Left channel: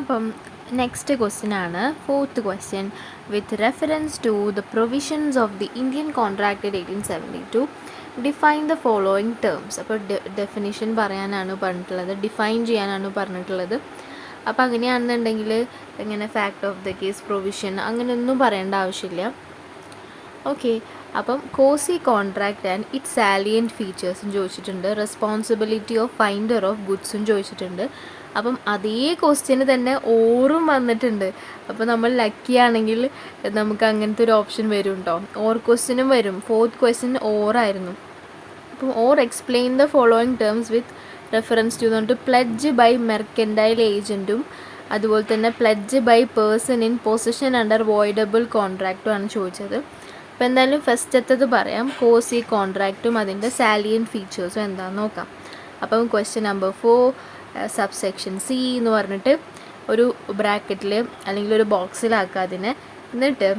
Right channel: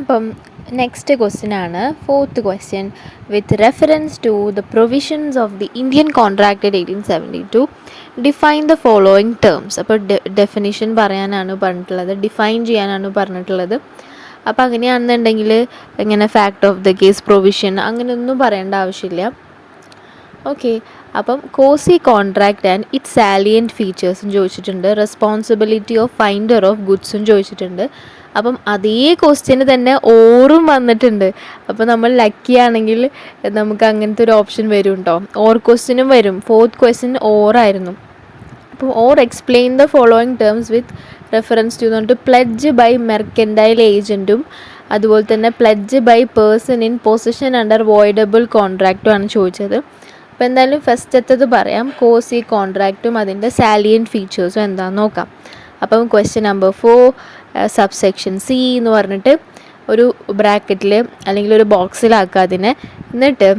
അപ്പം next question ആണ് fourth question. With reference to the provisions of the Indian contract 1872 define the following terms. അപ്പോൾ definition പറയാനാണ് പറഞ്ഞിട്ടുള്ളത്, define ചെയ്യാനാണ് പറഞ്ഞിട്ടുള്ളത്. അപ്പോൾ അങ്ങനെയാണെന്നുണ്ടെങ്കിൽ ഇങ്ങനെ fact of the case, provision അങ്ങനെയൊന്നും പറയേണ്ട ആവശ്യമില്ല. ഓക്കെ, അപ്പം quasi contract and it's salient ഫീച്ചേഴ്സും ചോദിച്ചിട്ടുണ്ട്. റെസ്പോൺസിബിലിറ്റി ഓഫ് ഫൈൻഡർ ഓഫ് ഗുഡ്സും ചോദിച്ചിട്ടുണ്ട്. അപ്പം അതേ ക്വസ്റ്റ്യന് തന്നെ ഓറും വന്നിട്ടുണ്ട്. അപ്പോൾ നമ്മൾ ലക്കി ആണെങ്കിൽ നമുക്ക് അങ്ങനത്തെ ഒരു ഓപ്ഷൻ വരും കേട്ടോ. ഓർ ക്വസ്റ്റ്യനും വരും. ഫോർത്ത് ക്വസ്റ്റ്യൻ ഓറായിരുന്നു. അപ്പോൾ or explain the following terms with reference to എന്നിട്ട് പ്ലെഡ്ജ് ബൈ മെർക്കൻഡൈൽ ഏജൻറ്റും അതുപോലെ തന്നെ pledge by person in position under voidable കോൺട്രാക്റ്റും ആണ് ചോദിച്ചത്. അപ്പോൾ എന്തായാലും ഫസ്റ്റത്തത് പറയാം, കോസി കോൺട്രാക്റ്റും അതിൻ്റെ സാലിയൻറ്റ് ഫീച്ചേഴ്സും എന്താണെന്ന് നോക്കാം. അപ്പം ക്വസ്റ്റ്യൻ നമ്പർ 4 സബ്സെക്ഷൻ സി എന്ന് പറഞ്ഞിട്ട് ഒരു ബ്രാക്കറ്റിൽ അല്ലെങ്കിൽ ഒരു ബോക്സിലാക്കുക അതിനെ. എന്നിട്ട്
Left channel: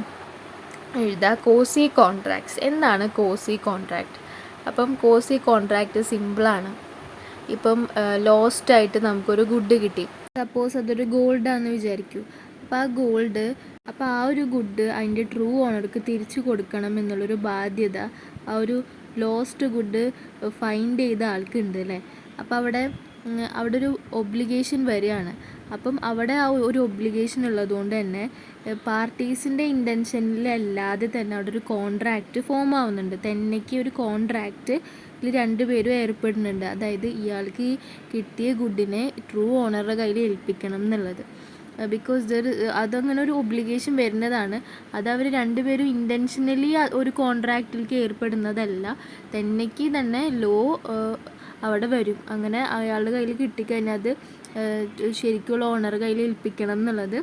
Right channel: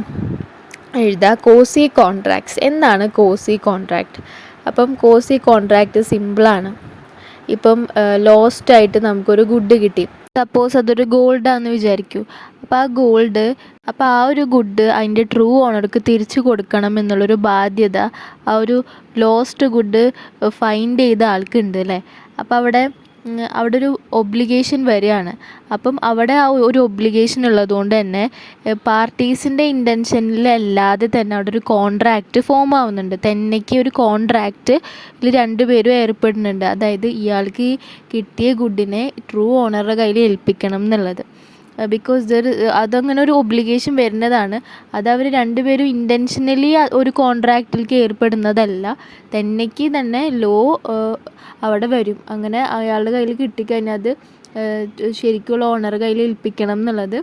എഴുതുക കോസി കോൺട്രാക്ട്സ്. എന്താണ് കോസി കോൺട്രാക്റ്റ്? അപ്പം കോസി കോൺട്രാക്റ്റ് സിമ്പിളാണ്. ഇപ്പം ലോസ്റ്റായിട്ട് നമുക്കൊരു ഗുഡ് കിട്ടി. സപ്പോസ് അതൊരു ഗോൾഡാണെന്ന് വിചാരിക്കൂ. അപ്പോൾ ആ ഒരു ഗുഡ് അതിൻ്റെ ട്രൂ ഓണർക്ക് തിരിച്ചു കൊടുക്കണം എന്നുള്ളൊരു ബാധ്യത ആ ഒരു ലോസ്റ്റ് ഗുഡ് ഫൈൻഡ് ചെയ്ത ആൾക്കുണ്ട് അല്ലേ. അപ്പോൾ അവിടെ ഒരു ഒബ്ലിഗേഷൻ വരികയാണ്. അപ്പം അവിടെ ആ ഒരു ഒബ്ലിഗേഷൻ ഉള്ളതുകൊണ്ട് തന്നെ പാർട്ടീസിൻ്റെ ഇൻറ്റൻഷനിലല്ലാതെ തന്നെ അവിടെ ഒരു കോൺട്രാക്റ്റ് ഫോം ആവുന്നുണ്ട്. തന്നെക്ക് ഒരു കോൺട്രാക്റ്റ് ഇതിൽ രണ്ടുപേരും ഏർപ്പെടുന്നുണ്ട്. അതായത് ഇയാൾക്ക് കിട്ടിയ ഗുഡിനെ ട്രൂ ഓണറുടെ കയ്യിൽ ഏൽപ്പിക്കണം എന്നുള്ളത്. ബിക്കോസ് അതങ്ങനെ ഒരു ഒബ്ലിഗേഷൻ വരുന്നതാണ്. അത് അവർ രണ്ടുപേരും ഇൻറ്റൻഷനലി ഒരു കോൺട്രാക്റ്റിലേക്ക് ഏർപ്പെടുന്നതല്ല. തന്നെക്ക് തന്നെ ലോ അവിടെ വരും. അങ്ങനെ അയാളുടെ കയ്യിൽ കിട്ടിക്കഴിഞ്ഞാൽ അത് ശരിക്കുള്ള ഓണറുടെ കയ്യിൽ ഏൽപ്പിക്കണം എന്നുള്ളത്,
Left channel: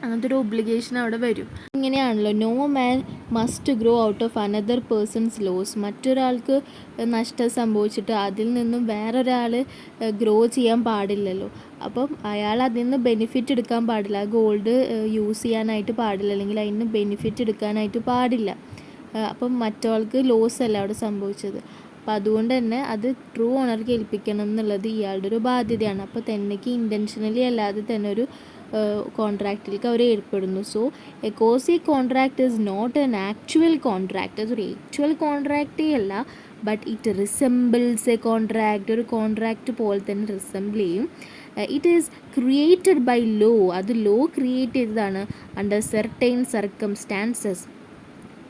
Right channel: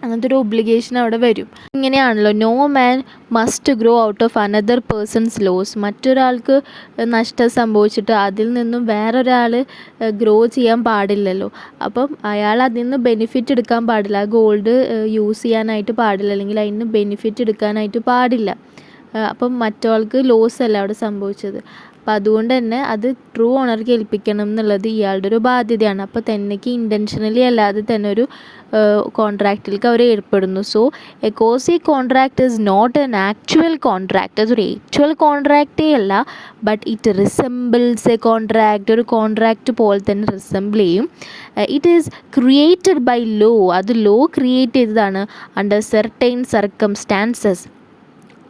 അങ്ങനത്തെ ഒരു ഒബ്ലിഗേഷൻ അവിടെ വരും. ഇങ്ങനെയാണല്ലോ no man must grow out of another person's loss. മറ്റൊരാൾക്ക് നഷ്ടം സംഭവിച്ചിട്ട് അതിൽ നിന്നും വേറൊരാൾ ഗ്രോ ചെയ്യാൻ പാടില്ലല്ലോ. അപ്പം അയാൾ അതിൽ നിന്ന് ബെനിഫിറ്റ് എടുക്കാൻ പാടില്ല. ഗോൾഡ് യൂസ് ചെയ്യാനായിട്ട് പാടില്ല, അല്ലെങ്കിൽ അതിൽ നിന്ന് ബെനിഫിറ്റ് എടുക്കാനായിട്ട് പാടില്ല. അപ്പം മറ്റൊരാൾക്ക് ലോസ് അല്ല അവിടെ സംഭവിച്ചത്. അപ്പം അതുകൊണ്ട് തന്നെ അത് ട്രൂ ഓണർക്ക് ഏൽപ്പിക്കണം എന്നുള്ളത് ഇയാളുടെ ഒരു ബാധ്യതയാണ്. അപ്പോൾ തന്നെക്ക് ഇൻറ്റൻഷനലി അല്ലാതെ തന്നെ ഒരു കോൺട്രാക്റ്റിലേക്ക് അവർ ഏർപ്പെടുന്നു. So a quasi contract is not an actual contract. അതൊരു ആക്ച്വൽ കോൺട്രാക്റ്റേ അല്ല, but it resembles a contract. ഒരു കോൺട്രാക്റ്റ് പോലെ തന്നെ റിസെമ്പിൾ ചെയ്യും. It is created by law. അത് ലോ ക്രിയേറ്റ് ചെയ്തതാണ് അണ്ടർ സെർട്ടൈൻ സർക്കംസ്റ്റാൻസസ്.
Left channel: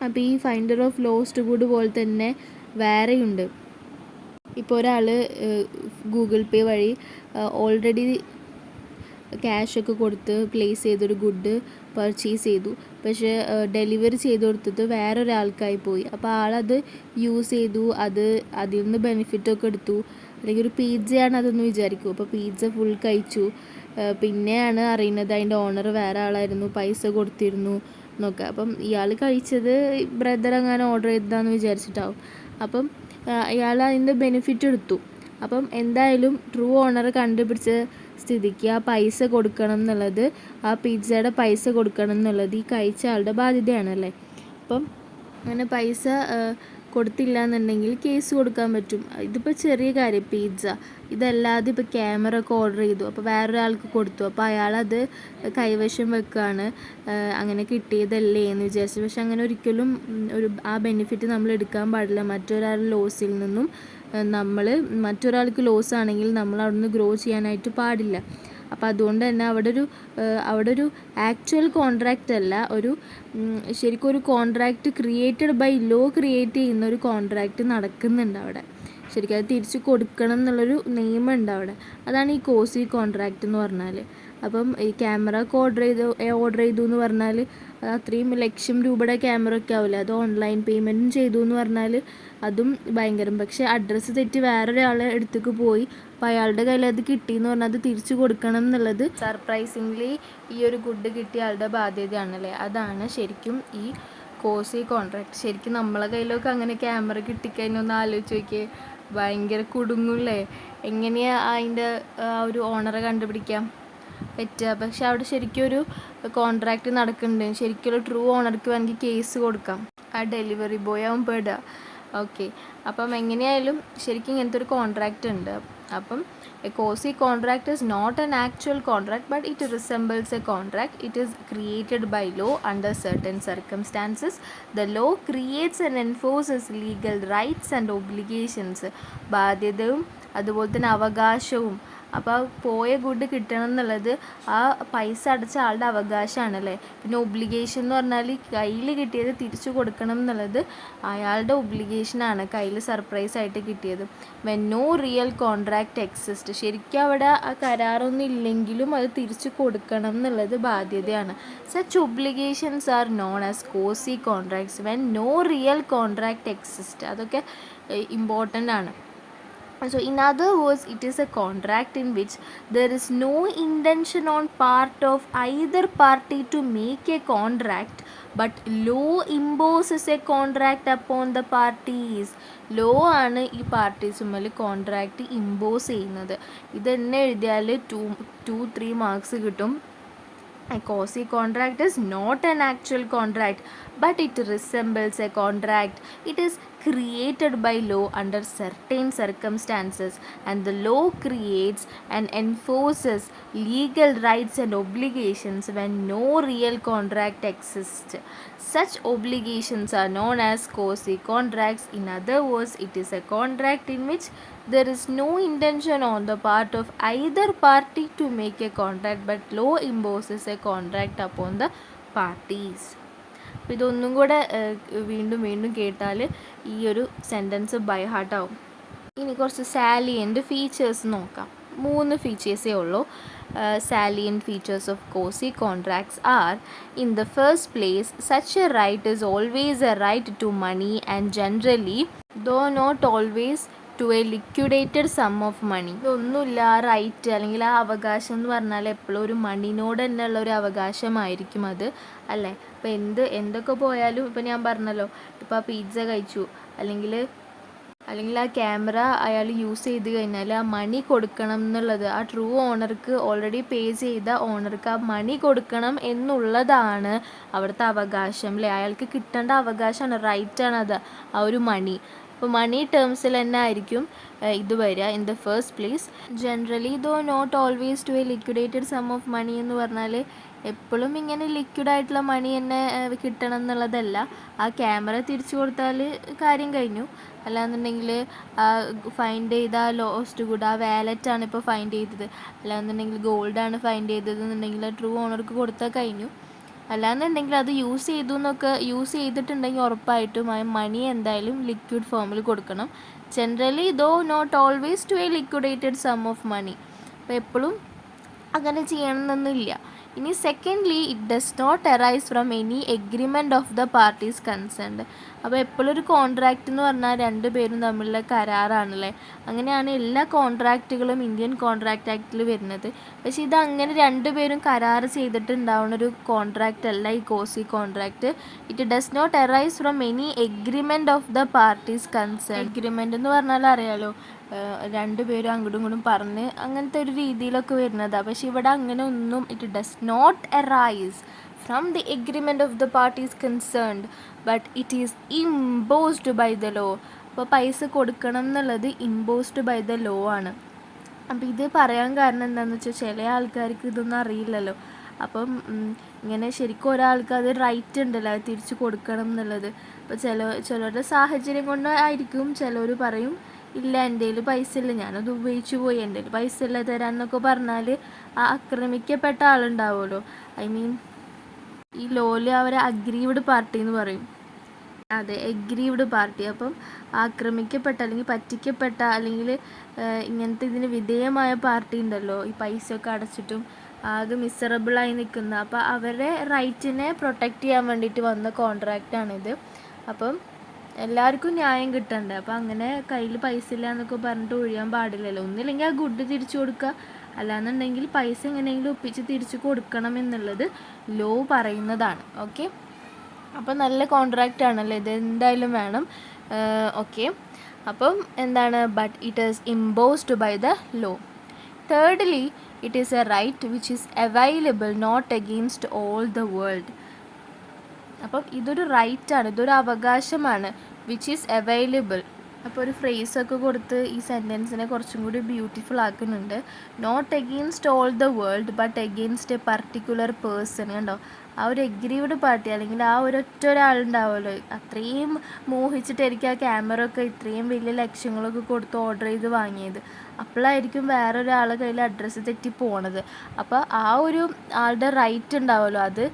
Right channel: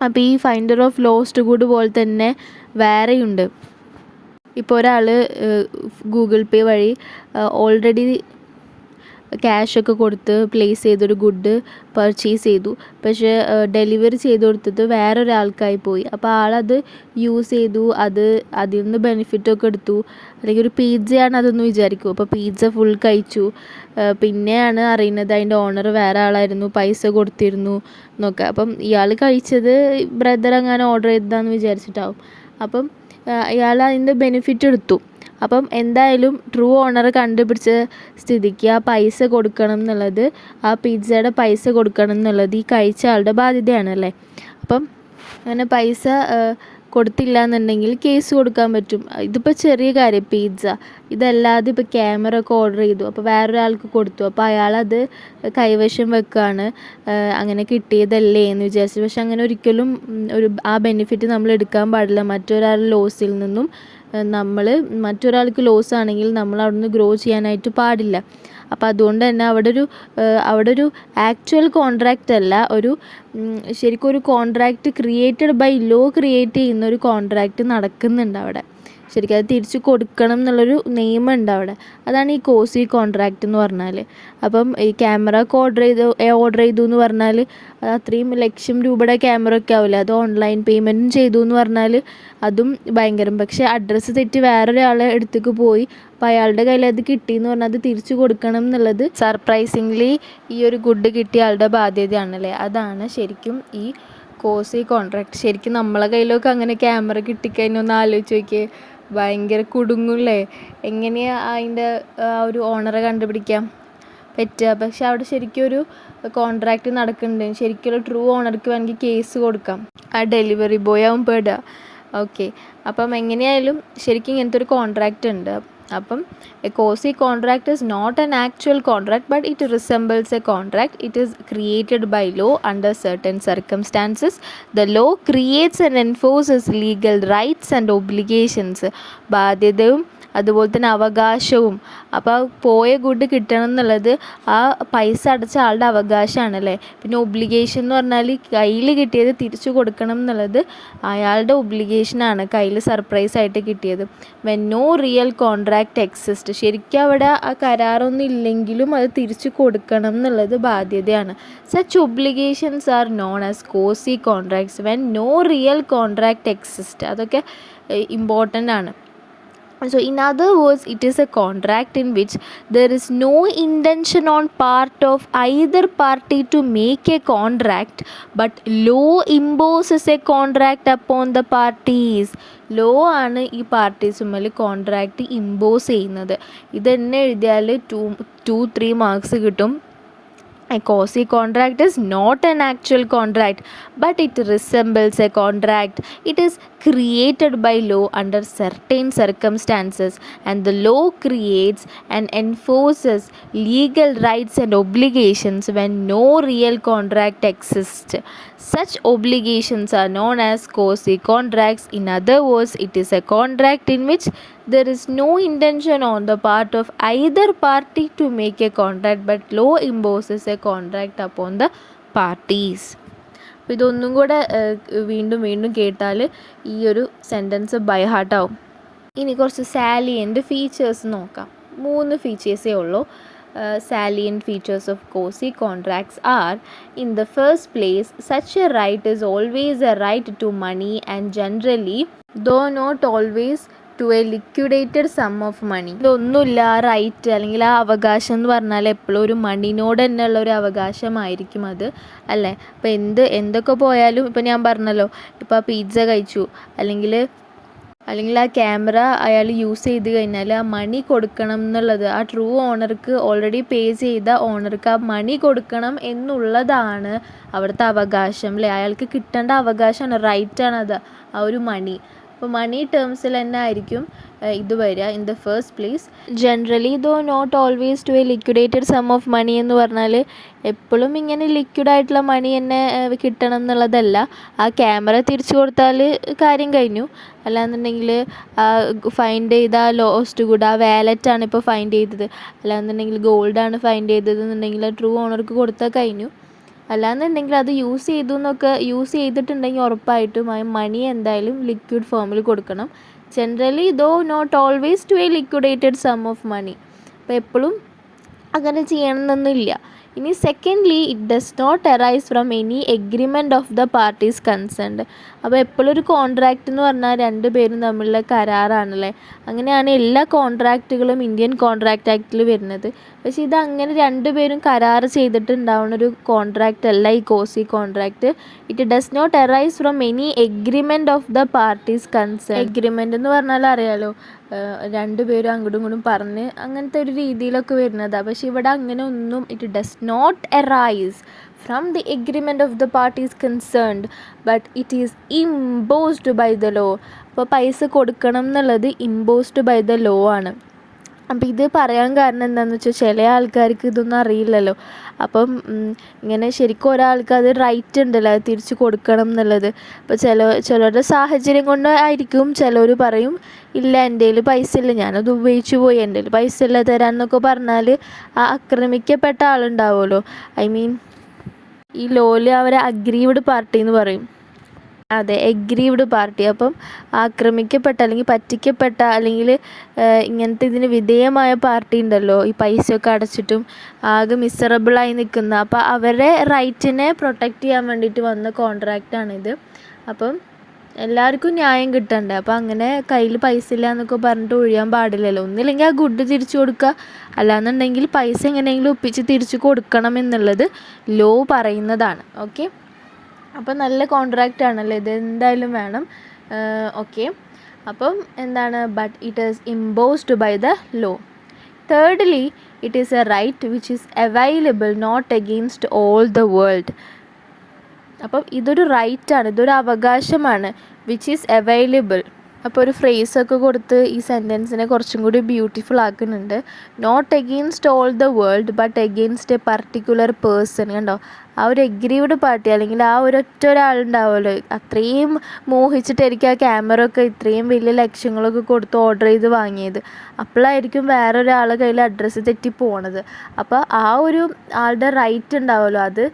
അപ്പോൾ ഈ ഫൈൻഡർ ഓഫ് ലോസ്റ്റ് ഗുഡ് പോലെ തന്നെ വേറെയുണ്ട്. ഇപ്പോൾ ഒരാൾ ഗൂഗിൾ പേ വഴി ഓൾറെഡി ക്യാഷൊക്കെ കൊടുത്ത് പ്ലേസ് ചെയ്തൊരു ഗുഡ് പർച്ചേസ് ചെയ്തു. പക്ഷേ ഡെലിവറി ചെയ്ത് കൊടുത്തത് വേറൊരാൾക്കായി പോയി. അപ്പോൾ ആളത് യൂസ് ചെയ്തു, അതിൽ നിന്ന് ബെനിഫിറ്റൊക്കെ എടുത്തു. അല്ലെങ്കിൽ ഒരു പിസ്സയാണ് അതെന്ന് വിചാരിക്കും. അപ്പോൾ പിസ്സ ഫുൾ കഴിച്ചു. പിന്നെയാണ് അറിയുന്നത് അതിൻ്റെ ഓണർ വേറെ ആളായിരുന്നു, പൈസ കൊടുത്തിരുന്നു എന്നൊക്കെ. അപ്പം ഇയാൾ കഴിച്ചത് ബ്രദർ അങ്ങനെ ഓർഡർ ചെയ്തതാണെന്ന് വിചാരിച്ചിട്ടാവും. അപ്പം ഇയാൾ അതിൻ്റെ ബെനിഫിറ്റ് എടുത്തു. അപ്പം എന്തായാലും ട്രൂ ഓണറെ കണ്ടുപിടിച്ച സ്ഥിതിക്ക് ആ പൈസ കൊടുക്കണം എന്നുള്ളത്, ആ പിസ്സയുടെ പൈസ കൊടുക്കണം എന്നുള്ളത് ഈ കഴിച്ച ആളുടെ ബാധ്യതയാണല്ലേ. അപ്പം അങ്ങനെ പൈസ കൊടുത്തില്ല എന്നുണ്ടെങ്കിൽ കേസ് കൊടുക്കാൻ പറ്റും. ഇതിപ്പോൾ ചെറിയ കാര്യം പിസ്സ. ഇതല്ലാതെ ഇപ്പോൾ ക്യാമറ ഒക്കെ ഓർഡർ ചെയ്തു, അപ്പോൾ വേറൊരാൾക്ക് കൊടുത്തു. അപ്പോൾ അയാളത് കൈവശം വെക്കുകയാണ്, അങ്ങനെ കിട്ടിയതല്ലേ എന്ന് വിചാരിച്ചു. പക്ഷെ അങ്ങനെ ഒരിക്കലും ആ ബെനിഫിറ്റ് നമ്മൾ എടുക്കാൻ പാടില്ല. മറ്റൊരാളുടെ ലോസിൽ നിന്നും മറ്റൊരാൾക്ക് ലോസ് ആണെങ്കിൽ നമ്മൾ അവിടെ നിന്ന് ഗ്രോ ചെയ്യാനായിട്ട് പാടില്ല. അപ്പോൾ അതുകൊണ്ട് തന്നെ അവിടെ ഒരു ആക്ച്വൽ കോൺട്രാക്റ്റ് അല്ല, ശരിക്കും ഒരു contract created by law create ചെയ്യുന്ന ഒരു കോൺട്രാക്റ്റ് നടക്കുന്നുണ്ട് അവിടെ. ശരിക്കും അത് തിരിച്ച് കൊടുക്കണം എന്നുള്ളൊരു നിയമമുണ്ട് അവിടെ. അതാണ് ഈ കോസി കോൺട്രാക്റ്റ് എന്ന് പറഞ്ഞാൽ. അപ്പം ഈ ക്യാമറ ഒക്കെ ഓർഡർ ചെയ്തു എന്ന് പറഞ്ഞാൽ അത്രയും ലക്ഷം രൂപയുടെ ക്യാമറ ഒക്കെ ആവില്ല. അത് ഓൺലൈൻ പേയ്മെൻറ്റും ചെയ്തു എന്ന് പറഞ്ഞാൽ അതും ഭയങ്കരം. പക്ഷേ അഡ്രസ്സ് തെറ്റി വേറൊരാളെ അടുത്തേക്ക് പോയി, അപ്പോൾ അയാളുടെ കയ്യിൽ അത് കിട്ടിയെന്ന് പറഞ്ഞാൽ അത് തിരിച്ചു കൊടുക്കണം എന്നുള്ളത് സർപ്രൈസിംഗ്ലി ഈ ഒരു ഗുഡ് കിട്ടിയ ആളുടെ ബാധ്യതയാണല്ലേ. അതാണ് ശരിക്കും ഈ കോസി കോൺട്രാക്റ്റ്. ശരിക്കും നമ്മളെ കയ്യിലൊക്കെ അങ്ങനെ ക്യാമറ കിട്ടിക്കഴിഞ്ഞാൽ ഒന്ന് ആലോചിച്ച് നോക്കിയേ, ഭയങ്കര കുടുങ്ങൂല്ലേ. എങ്ങനെയാണ് അതിൻ്റെ ഒരു ഓണറെ കണ്ടുപിടിക്കാൻ പറ്റുക? പക്ഷെ അവിടെ ശരിക്കും ഒരു കോൺട്രാക്റ്റ് നടക്കുന്നുണ്ട്. ശരിക്കും ഒരു ട്രൂ ഓണർക്ക് വേണമെങ്കിൽ കേസ് കൊടുക്കാം. ആ ഡെലിവറി ബോയ് ആവും പെടുക. ഓക്കെ, അപ്പം എങ്ങനെയായാലും ശരിക്കും ഇങ്ങനത്തെ ഒരു കോൺട്രാക്റ്റ് ഉണ്ട്. അപ്പം a quasi contract is not an actual contract but it resembles a contract. It is created by law under certain circumstances. The law creates and enforces legal rights and obligations. ബാധ്യതയും അതുപോലെ തന്നെ അവകാശവും. അപ്പോൾ പോയ good കിട്ടണം എന്നുള്ളത് ആ പൈസ അടച്ച ആളുടെ അവകാശമാണല്ലേ. പിന്നെ ഒബ്ലിഗേഷൻ എന്ന് പറഞ്ഞാൽ കയ്യിൽ കിട്ടിയത് തിരിച്ചു കൊടുക്കണം എന്നുള്ളത് അയാളുടെ ഒബ്ലിഗേഷനാണ്, കയ്യിൽ സർപ്രൈസ് ആയിട്ട് കിട്ടിയത്. When no real contract exist, ശരിക്കും അവിടെ ആ കരാറൊന്നും ഇല്ലെങ്കിലും അത് തിരിച്ചു കൊടുക്കണം എന്നുള്ളത് ബാധ്യതയാണ്. Such obligations are known as quasi contracts when no real contract exist. അതൊക്കെ ഇമ്പോർട്ടൻ്റ് ആണ്. So in other words, it is a contract in which there is no intention on part of either party to make a contract, but law imposes a contract upon the parties. Law ആണ് ഈ പാർട്ടീസുമ്മൽ contract impose ചെയ്യുന്നത്. ഇതെന്നെ എഴുതിയാൽ 2-3 marks കിട്ടും. A quasi contract is not an actual contract, but it resembles a contract. It is created by law under certain circumstances, and the law creates and enforces legal rights and obligations when no real contract exists. Such obligations are known as quasi contracts. In other words, it is a contract in which there is no intention on the part of either party to make a contract, but law imposes a contract upon the parties. അപ്പോൾ ഇതൊന്നും കൂടെ വീണ്ടും വീണ്ടും കേട്ടാൽ ഈ ഒരു sentence by ഹാർട്ടാവും. ഇനി കുറച്ച് സാലിയൻ്റ് ഫീച്ചേഴ്സ് നോക്കാം. 3 ഫീച്ചേഴ്സേ ഉള്ളൂ. Salient features of quasi contracts are: in the first place, such a right is always a right to money and generally, though not always, to a liquidated sum of money. ഇതൊന്നുമില്ല, ആ right അല്ലെങ്കിൽ ആ അവകാശം എന്ന് പറഞ്ഞാൽ എപ്പോഴും ഒരു മണിനോട് തന്നെയുള്ള ഒരു അവകാശമായിരിക്കും അത്, അല്ലേ. ഇപ്പോൾ എന്തൊക്കെ പോയാലും, ഇപ്പോൾ ഞാൻ പറഞ്ഞല്ലോ, ഇപ്പോൾ ആ പിസ്സ കഴിച്ചു അല്ലെങ്കിൽ ആ ക്യാമറ അയാൾ യൂസ് ചെയ്ത് കഴിഞ്ഞാൽ ആ മണി കൊടുക്കണം എന്നുള്ളത് ആ ട്രൂ ഓണർക്ക്, ഓൾറെഡി പേ ചെയ്ത ഓണർക്ക് ആ മണി കൊടുക്കണം എന്നുള്ളതാണ് അവിടുത്തെ അവകാശം, അല്ലേ. അയാൾക്ക് കിട്ടേണ്ട അവകാശമാണ്, റൈറ്റാണത്, ആ ഒരു മണി. അപ്പോൾ മണി ടേംസിൽ തന്നെ ആയിരിക്കും ഇത് വരിക. In the first place, generally though not always to a liquidated sum of money എന്ന് പറഞ്ഞാൽ എപ്പോഴും ഇങ്ങനെ ലിക്വിഡായിട്ടുള്ള മണി തന്നെ കിട്ടണം എന്നുള്ളതല്ല. ആ ക്യാമറ തിരിച്ചു കൊടുത്താൽ കാര്യം കഴിഞ്ഞു. അല്ലാന്നുണ്ടെങ്കിൽ ഫൈൻഡ് ചെയ്ത ലോസ്റ്റ് ഗുഡ്, ആ വാലറ്റാണ് ഇപ്പോൾ ഫൈൻഡ് ചെയ്തത്, അല്ലാന്നുണ്ടെങ്കിൽ ഗോൾഡാണ് ഫൈൻഡ് ചെയ്തതെന്നുണ്ടെങ്കിൽ ട്രൂ ഓണർക്ക് കൊടുത്താൽ കഴിഞ്ഞു. അല്ലാന്നുണ്ടെങ്കിൽ അത് യൂസ് ചെയ്തിട്ടുണ്ടെങ്കിൽ ഉറപ്പായിട്ടും ആ മണി എന്തായാലും ലിക്വിഡ് ഫോമിൽ കൊടുക്കണം. Generally though not always to a liquidated sum of money. അപ്പോൾ എപ്പോഴും അങ്ങനെ ചെയ്യണമെന്നൊന്നുമില്ല. ഇനി secondly, it does not arise from any agreement of the parties concerned. അപ്പോൾ എപ്പോഴും ഒരു കോൺട്രാക്റ്റ് എന്ന് പറഞ്ഞാൽ 2 പേരും തമ്മിലുള്ള കരാറാണല്ലേ. അങ്ങനെയാണ് എല്ലാ കോൺട്രാക്റ്റുകളും ഇന്ത്യൻ കോൺട്രാക്റ്റ് ആക്റ്റിൽ വരുന്നത്. പക്ഷേ ഇതങ്ങനെ 2 പേരും കരാർ ചെയ്തിട്ടുണ്ടാവുന്നൊരു കോൺട്രാക്റ്റ് അല്ല ഈ quasi contract. It does not arise from any agreement of the parties concern. Agreement എന്ന് പറഞ്ഞാൽ അറിയാലോ, 2 പേരും അങ്ങോട്ടും ഇങ്ങോട്ടും പറഞ്ഞ് അങ്ങനത്തെ ഒരു രീതിയിലൊക്കെ വരുന്നതാണ്. പക്ഷേ ഇവിടെ അങ്ങനെ ഒന്നും, it does not arise from the agreement of the parties concerned, but it is imposed by the law. അപ്പോൾ പൈസ കൊടുക്കണം എന്നുള്ളത് imposed by the law ആണ്. അപ്പോൾ ഇത് പറയാൻ കാരണം എന്താണെന്ന് വെച്ചാൽ ചില ആൾക്കാർക്ക് ഇതൊന്നും അറിയില്ലല്ലോ. അപ്പം ഇങ്ങനെ ശരിക്കും ഒരാൾക്ക് അത് റൈറ്റ് ഉണ്ടല്ലോ, അത് തിരിച്ച് കൊടുക്കണം എന്നുള്ളത്. അപ്പോൾ ചിലരുടെ സാഹചര്യം കൊണ്ട് ആയിരിക്കും ചിലർ പറയും ഇല്ല എൻ്റെ കയ്യിൽ പൈസ ഇല്ല, ഞാനത് ഉപയോഗിച്ച് പോയി, എൻ്റെ കയ്യിൽ പൈസ ഇല്ല തരാമെന്നൊക്കെ പറഞ്ഞാൽ ആ ആക്രമിക്കപ്പെട്ട ആളുണ്ടാവുമല്ലോ, ഐ മീൻ ഈ ലോയിൽ അവരെ അഗ്രീവ്ഡ് പാർട്ടി എന്ന് പറയും. അതെ, എഗ്രീവ്ഡ് പാർട്ടി. അപ്പം ആക്രമിക്കപ്പെട്ട അല്ലെങ്കിൽ പറ്റിക്കപ്പെട്ട അല്ലെങ്കിൽ ഇങ്ങനത്തെ ഇതിന് വിധേയമായ പാർട്ടി ഉണ്ടല്ലോ, ഈ പൈസയൊക്കെ അടച്ചിട്ടും ആകെ മിസറബിളായി നിൽക്കുന്ന, അപ്പോൾ അവരുടെ റൈറ്റിനെ പ്രൊട്ടക്റ്റ് ചെയ്യാൻ വേണ്ടിയിട്ട് വന്ന കോൺട്രാക്റ്റാണിത്. അപ്പം എല്ലാവർക്കും ന്യായം കിട്ടണ്ടേ. അപ്പോൾ അങ്ങനെ കയ്യിൽ പൈസ ഇല്ല എന്നൊക്കെ പറഞ്ഞിട്ട് ഒഴിയാൻ പാടില്ലല്ലോ. ഒന്നില്ലെങ്കിൽ ആ ഗുഡ് തിരിച്ചു കൊടുക്കുക, അല്ലാന്നുണ്ടെങ്കിൽ പൈസ എങ്ങനെയെങ്കിലും ഒപ്പിച്ച് തിരിച്ചു കൊടുക്കണം എന്നുള്ളത് ലോ പറയുന്നതാണ്. ഓക്കെ, അപ്പോൾ നല്ല കോൺട്രാക്റ്റ് ആണല്ലോ ഇത്, എന്തായാലും വേണം. ഓക്കെ, അപ്പം എന്താണ്, but it is imposed by the law. Thirdly, it is a right which is available not against all the world. അപ്പം ഇതൊരു റൈറ്റാണ്, ഇതൊരു അവകാശമാണ്, വിച്ച് ഈസ് അവൈലബിൾ. അപ്പോൾ ഒരു ഫ്രേസൊക്കെ കൊടുത്ത് ഈ സെൻറ്റൻസിനെ കുറച്ചും കൂടി ബ്യൂട്ടിഫുൾ ആക്കുന്നുണ്ട്. Not against all the world but against a particular person. കണ്ടോ, ആ ഒരു എഗ്രീവ്ഡ് പാർട്ടി അല്ലെങ്കിൽ ആ ഒരൊറ്റ ഒരാളുണ്ടാവുമല്ലോ, അത്രയും മോഹിച്ചിട്ടായിരിക്കും ആ ക്യാമറ ഒക്കെ ഇത്രയും വലിയ ലക്ഷ്യങ്ങളൊക്കെ കൊടുത്ത് ഓർഡർ ചെയ്ത് വാങ്ങിയത്. അപ്പോഴായിരിക്കും വേറൊരാളുടെ കയ്യിൽ അഡ്രസ്സ് തെറ്റി പോണത്. അപ്പോൾ ആ ഒരു ആളുടെ റൈറ്റ് ഉണ്ടാവുമല്ലോ, അത്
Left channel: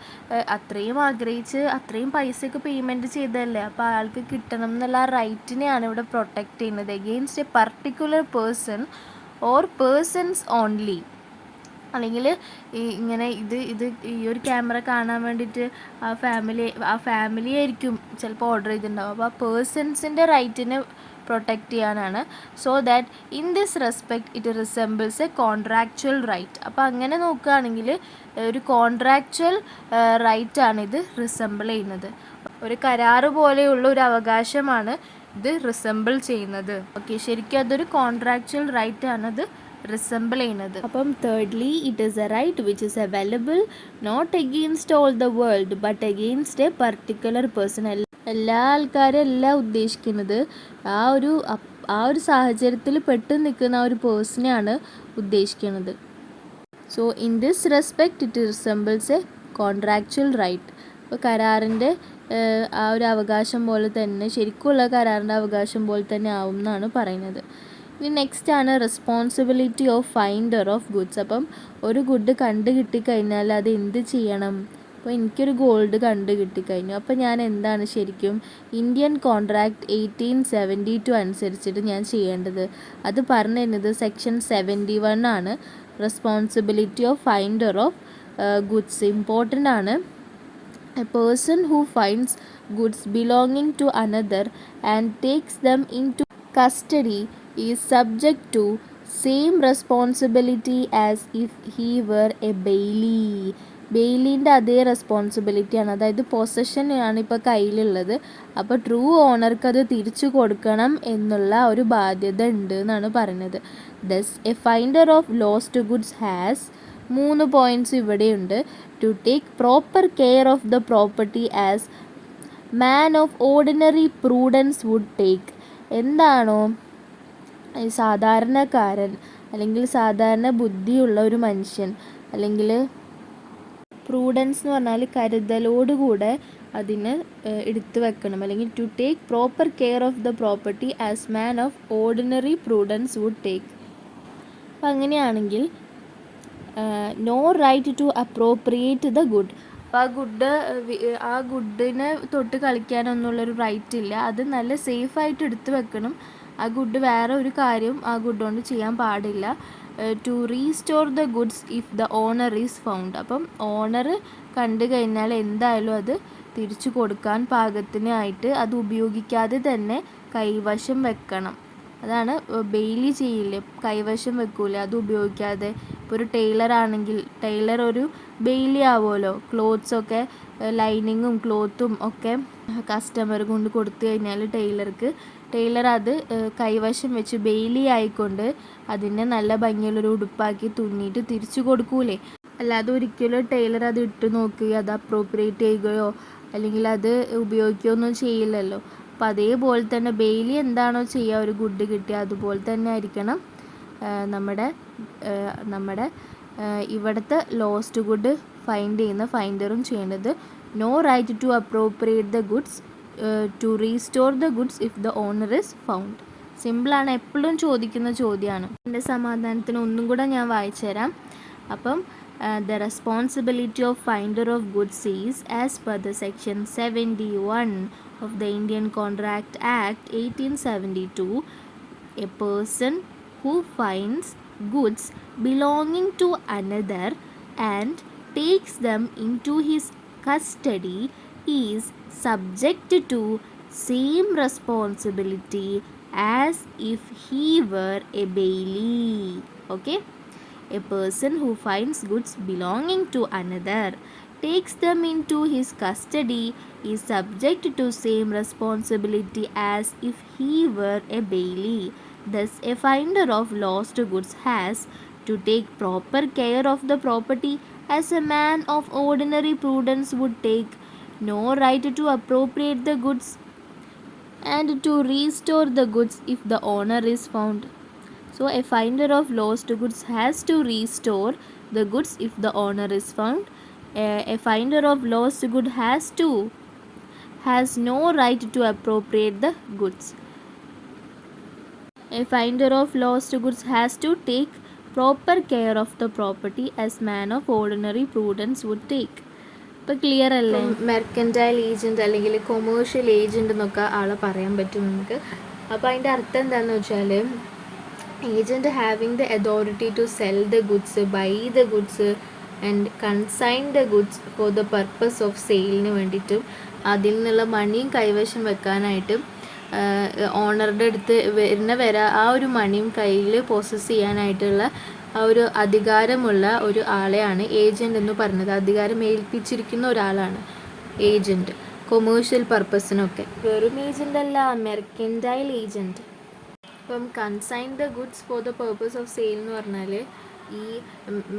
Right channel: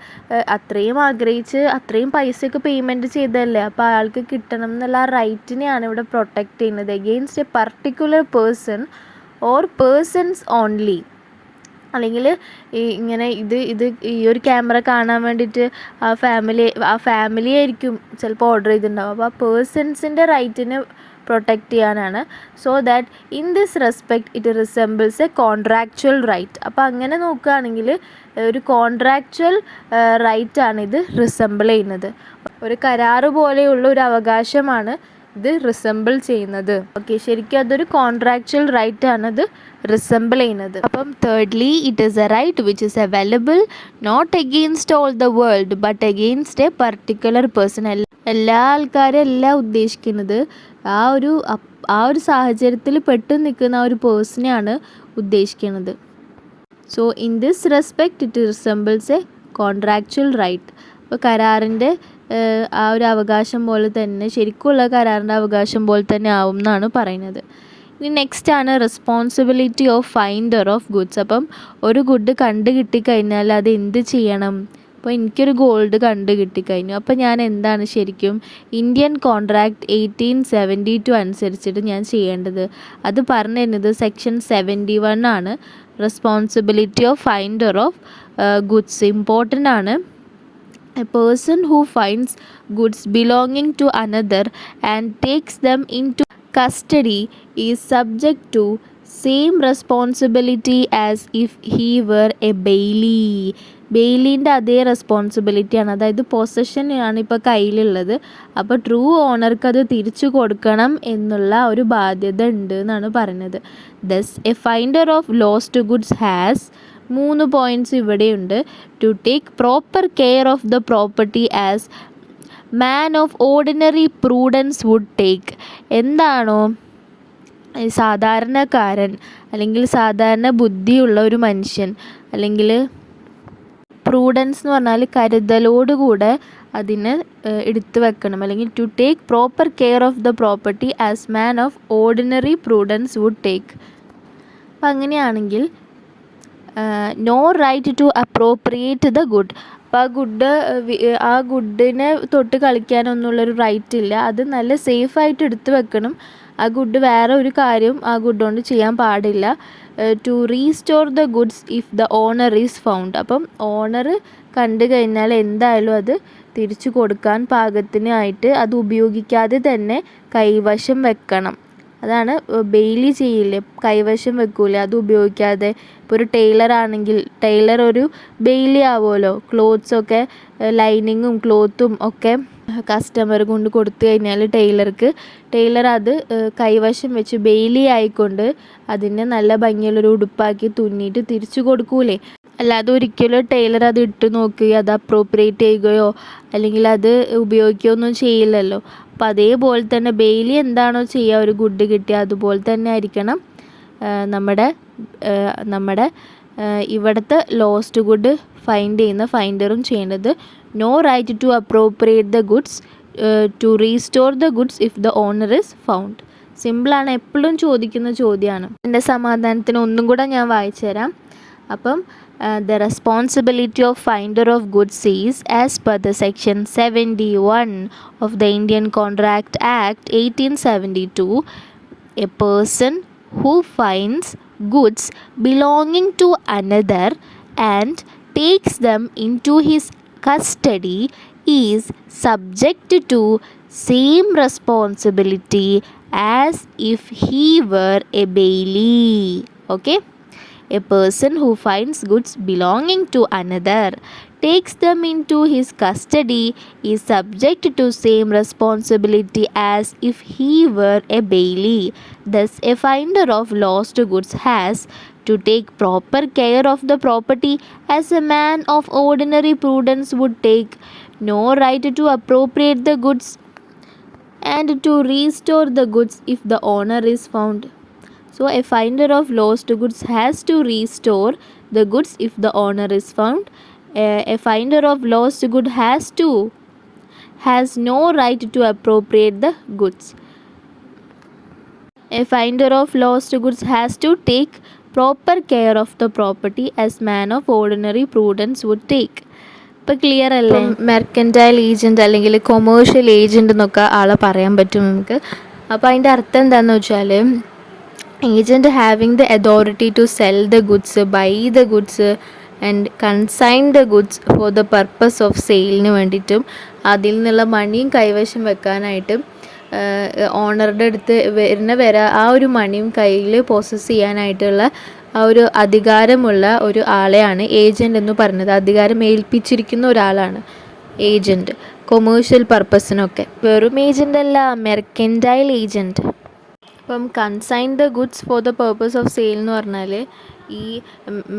അത്രയും ആഗ്രഹിച്ച് അത്രയും പൈസയൊക്കെ പേയ്മെൻറ്റ് ചെയ്തതല്ലേ, അപ്പോൾ അയാൾക്ക് കിട്ടണം എന്നുള്ള ആ റൈറ്റിനെയാണ് ഇവിടെ പ്രൊട്ടക്റ്റ് ചെയ്യുന്നത്. Against a particular person or persons only. അല്ലെങ്കിൽ ഇങ്ങനെ ഈ ഒരു ക്യാമറ കാണാൻ വേണ്ടിയിട്ട് ആ ഫാമിലി ആയിരിക്കും ചിലപ്പോൾ ഓർഡർ ചെയ്തിട്ടുണ്ടാവും. അപ്പോൾ ആ പേഴ്സൺസിൻ്റെ റൈറ്റിനെ പ്രൊട്ടക്റ്റ് ചെയ്യാനാണ്. So that in this respect it resembles a contractual right. അപ്പോൾ അങ്ങനെ നോക്കുകയാണെങ്കിൽ ഒരു കോൺട്രാക്ച്വൽ റൈറ്റാണിത് റിസെമ്പിൾ ചെയ്യുന്നത്. ഒരു കരാറ് പോലെയുള്ള ഒരു അവകാശമാണ് ഇത് റിസെമ്പിൾ ചെയ്യുന്നത്. ഓക്കെ, ശരിക്കും അതൊരു കോൺട്രാക്ച്വൽ റൈറ്റാണ് ഇത് റിസെമ്പിൾ ചെയ്യുന്നത്. അപ്പം thirdly, it is a right which is available not against all the world but against a particular person. എല്ലാ ആൾക്കാരും എല്ലാം ഉദ്ദേശിക്കുന്നത് ആ ഒരു സാഹചര്യത്തിൽ പെട്ട് നിൽക്കുന്ന ആ ഒരു പേഴ്സണെയാണ് ഉദ്ദേശിക്കുന്നത്. So in this respect it resembles a contractual right. അപ്പോൾ കരാറിൻ്റെ ആ ഒരു അവകാശം പോലെ തന്നെ, ശരിക്കുള്ള കരാറിൻ്റെ അവകാശം പോലെ തന്നെ ആവും എന്നാണ് പറയുന്നത്. ഇനി നെക്സ്റ്റ് ആണ് responsibility of finder of goods. അപ്പം ഒരു ഗുഡ് കണ്ടു കിട്ടിക്കഴിഞ്ഞാൽ അത് എന്ത് ചെയ്യണം? അപ്പോൾ എനിക്കൊരു ഗോൾഡ് കണ്ടു കിട്ടിക്കഴിഞ്ഞു, അപ്പോൾ ഞാൻ എന്താണ് ശരിക്കും ഇന്ത്യൻ കോൺട്രാക്ട് 1872 അനുസരിച്ചിട്ട് ഞാൻ ചെയ്യേണ്ടത്? അത് പറഞ്ഞു തരുന്നത് സെക്ഷൻ 71 ആണ്. Responsibility of finder of goods important ആണ്. A person who finds goods belonging to another and takes them into custody is subject to same responsibility as if he were a bailey. ബെയിലിൻ്റെ അതേ റെസ്പോൺസിബിലിറ്റിയാണ്, അതായത് possession ആണ് ഇപ്പോൾ കയ്യിലുള്ളത്. അപ്പോൾ true ഓണർക്ക് അത് തിരിച്ചു കൊടുക്കണം എന്നുള്ള ഒരു ബാധ്യത ഉണ്ട് എന്നാണ് പറയുന്നത്. Thus a finder of lost goods has 3 points ഇവിടെയുണ്ട്. To take proper care of the property as man of ordinary prudence would take. എന്താണോ സാധാരണക്കാരൻ അല്ലെങ്കിൽ സാധാരണ ബുദ്ധിയുള്ള ഒരു മനുഷ്യൻ, അല്ലെങ്കിൽ പ്രൂഡൻസ് എന്ന് പറഞ്ഞാൽ കരുതലോടുകൂടെ അതിന് എടുത്തു വെക്കണം, അല്ലെങ്കിൽ to take proper care of the property as man of ordinary prudence would take. അപ്പം അങ്ങനെയാണെങ്കിൽ no right to appropriate the good. അപ്പോൾ ആ ഗുഡിനെ തൊട്ട് കളിക്കാനൊന്നുമുള്ളൊരു റൈറ്റ് ഇല്ല. അത് നല്ല സേഫായിട്ട് എടുത്തു വെക്കണം. ആ ഗുഡ് വേറെ ഒരു കാര്യം ആ ഗുഡ് കൊണ്ട് ചെയ്യാൻ പാടില്ല. To restore the goods if the owner is found. അപ്പം ഓണർ കണ്ടു കഴിഞ്ഞാൽ എന്തായാലും അത് തിരിച്ചു കൊടുക്കാൻ പാകത്തിനായിട്ട് അത് ഉപയോഗിക്കാതെ തന്നെ കൈവശം വെക്കണം. അതാണ് ബെയിലി ചെയ്യില്ലേ, കൈവശം വെക്കൂലേ, അത് ഉപയോഗിക്കാതെ. ഇപ്പോൾ ഒരു ടൈലർ ആണെങ്കിൽ ടൈലർ ഒരു ബെയിലി ആവുമല്ലോ. ക്ലോത്ത്സൊക്കെ ലൈനിങ്ങും ക്ലോത്തും ഒക്കെ കസ്റ്റമർ കൊണ്ട് കൊടുത്തു കഴിഞ്ഞാൽ ടൈലർ അത് കൈവശം വെച്ച് ബെയിലി ആയിക്കൊണ്ട് അതിനെ നല്ല ഭംഗിയുള്ളൊരു ഉടുപ്പാക്കി തുന്നിയിട്ട് തിരിച്ചു കൊടുക്കൂലേ. അല്ലാതെ ഒരിക്കലും ടൈലർ അത് ഇട്ട് നോക്കുകയോ അത് അപ്രോപ്രിയേറ്റ് ചെയ്യുകയോ അല്ലെങ്കിൽ അത് ഉപയോഗിക്കുകയോ ഒന്നും ചെയ്യില്ലല്ലോ. അപ്പോൾ അതേപോലെ തന്നെ ബെയിലി എന്താണോ ചെയ്യുക ഒരു ഗുഡ് കിട്ടിയാൽ അതുപോലെ തന്നെ ആയിരിക്കണം നമ്മുടെ ഇവിടുത്തെ ലോസ്റ്റ് ഗുഡ് ഫൈൻഡ് ചെയ്യുന്ന ഫൈൻഡറും ചെയ്യേണ്ടത്. No right to appropriate the goods to restore the goods if the owner is found. സിമ്പിളാണ്, എപ്പോഴും ചോദിക്കുന്ന ചോദ്യമാണ്. എൻ്റെ സമാധാനത്തിന് ഒന്നും കൂടെ ഞാൻ വായിച്ചു തരാം. അപ്പം the responsibility of finder of goods is as per the section 71 of the Indian Contract Act 1872, a person who finds goods belonging to another and takes them into his custody is subject to same responsibility as if he were a bailey. Okay, a person who finds goods belonging to another, takes them into his custody, is subject to same responsibility as if he were a bailey. Thus, a finder of lost goods has to take proper care of the property as a man of ordinary prudence would take. No right to appropriate the goods and to restore the goods if the owner is found. So a finder of lost goods has to restore the goods if the owner is found. A finder of lost good has no right to appropriate the goods. A finder of lost goods has to take proper care of the property as man of ordinary prudence would take. ഇപ്പം clear അല്ലേ? Mercantile agent അല്ലെങ്കിൽ commercial agent എന്നൊക്കെ ആളെ പറയാൻ പറ്റും നമുക്ക്. അപ്പോൾ അതിൻ്റെ അർത്ഥം എന്താണെന്ന് വെച്ചാൽ agent having the authority to sell the goods, buy the goods and consign the goods for the purpose of സെയിലിന് വേണ്ടിയിട്ടും അതിൽ നിന്നുള്ള മണിയും കൈവശം വെക്കാനായിട്ടും ഓണറുടെ അടുത്ത് ആ ഒരു മണിയും കയ്യിൽ പ്രോസസ്സ് ചെയ്യാനായിട്ടുള്ള ആ ഒരു അധികാരമുള്ള ഒരു ആളെയാണ് ഏജൻറ്റ് എന്ന് പറയുന്നത്. അധികാരം ഏൽപ്പിച്ചിരിക്കുന്ന ഒരാളാണ് ഏജൻറ്റ് കൊമേഴ്ഷ്യൽ പർപ്പസിനൊക്കെ. വെറും ഏജൻ്റ് അല്ല, മെർക്കൻറ്റൈൽ ഏജൻറ്റ്. ഇപ്പം consign the goods for the purpose of sale എന്ന് പറഞ്ഞാൽ ഈ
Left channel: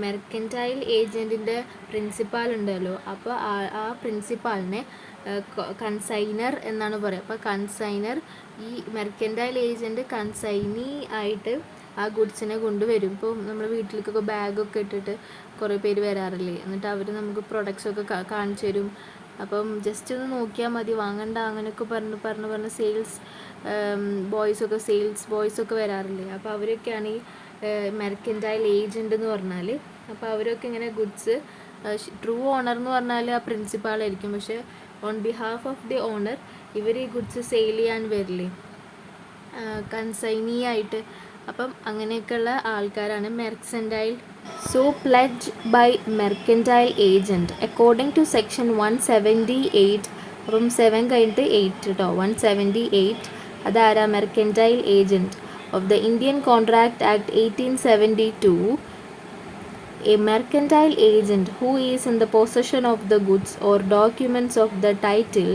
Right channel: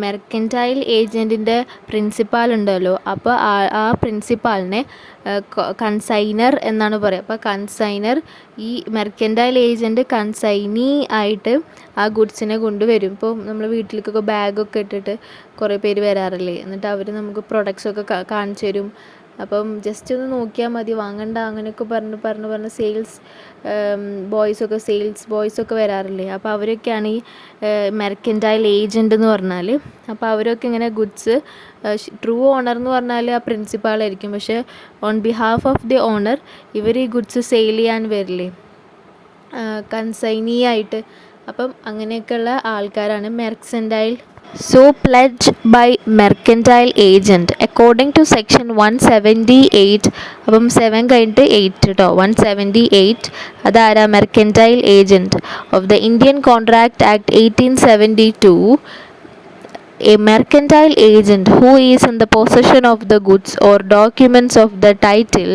മെർക്കൻറ്റൈൽ ഏജൻറ്റിൻ്റെ പ്രിൻസിപ്പാൾ ഉണ്ടല്ലോ, അപ്പോൾ ആ പ്രിൻസിപ്പാളിനെ കൺസൈനർ എന്നാണ് പറയുക. അപ്പോൾ കൺസൈനർ ഈ മെർക്കൻറ്റൈൽ ഏജൻറ്റ് കൺസൈനി ആയിട്ട് ആ ഗുഡ്സിനെ കൊണ്ടുവരും. ഇപ്പോൾ നമ്മൾ വീട്ടിലേക്കൊക്കെ ബാഗൊക്കെ ഇട്ടിട്ട് കുറേ പേര് വരാറില്ലേ, എന്നിട്ട് അവർ നമുക്ക് പ്രൊഡക്ട്സൊക്കെ കാണിച്ചു തരും. അപ്പം ജസ്റ്റ് ഒന്ന് നോക്കിയാൽ മതി, വാങ്ങണ്ട അങ്ങനെയൊക്കെ പറഞ്ഞ് സെയിൽസ് സെയിൽസ് ബോയ്സൊക്കെ വരാറില്ലേ. അപ്പോൾ അവരൊക്കെയാണ് ഈ മെർക്കൻറ്റൈൽ ഏജൻറ്റ് എന്ന് പറഞ്ഞാൽ. അപ്പോൾ അവരൊക്കെ ഇങ്ങനെ ഗുഡ്സ്, ട്രൂ ഓണർ എന്ന് പറഞ്ഞാൽ ആ പ്രിൻസിപ്പാളായിരിക്കും, പക്ഷേ on behalf of the owner ഇവർ ഈ ഗുഡ്സ് സെയിൽ ചെയ്യാൻ വരില്ലേ കൺസൈനി ആയിട്ട്. അപ്പം അങ്ങനെയൊക്കെയുള്ള ആൾക്കാരാണ് mercantile. So pledge by mercantile agent according to section 178. അപ്പം 7 കഴിഞ്ഞിട്ട് 8 കേട്ടോ, 178. അതാരാ? Mercantile agent of the Indian contract act 1872. A mercantile agent who is in the possession of the goods or documents of the title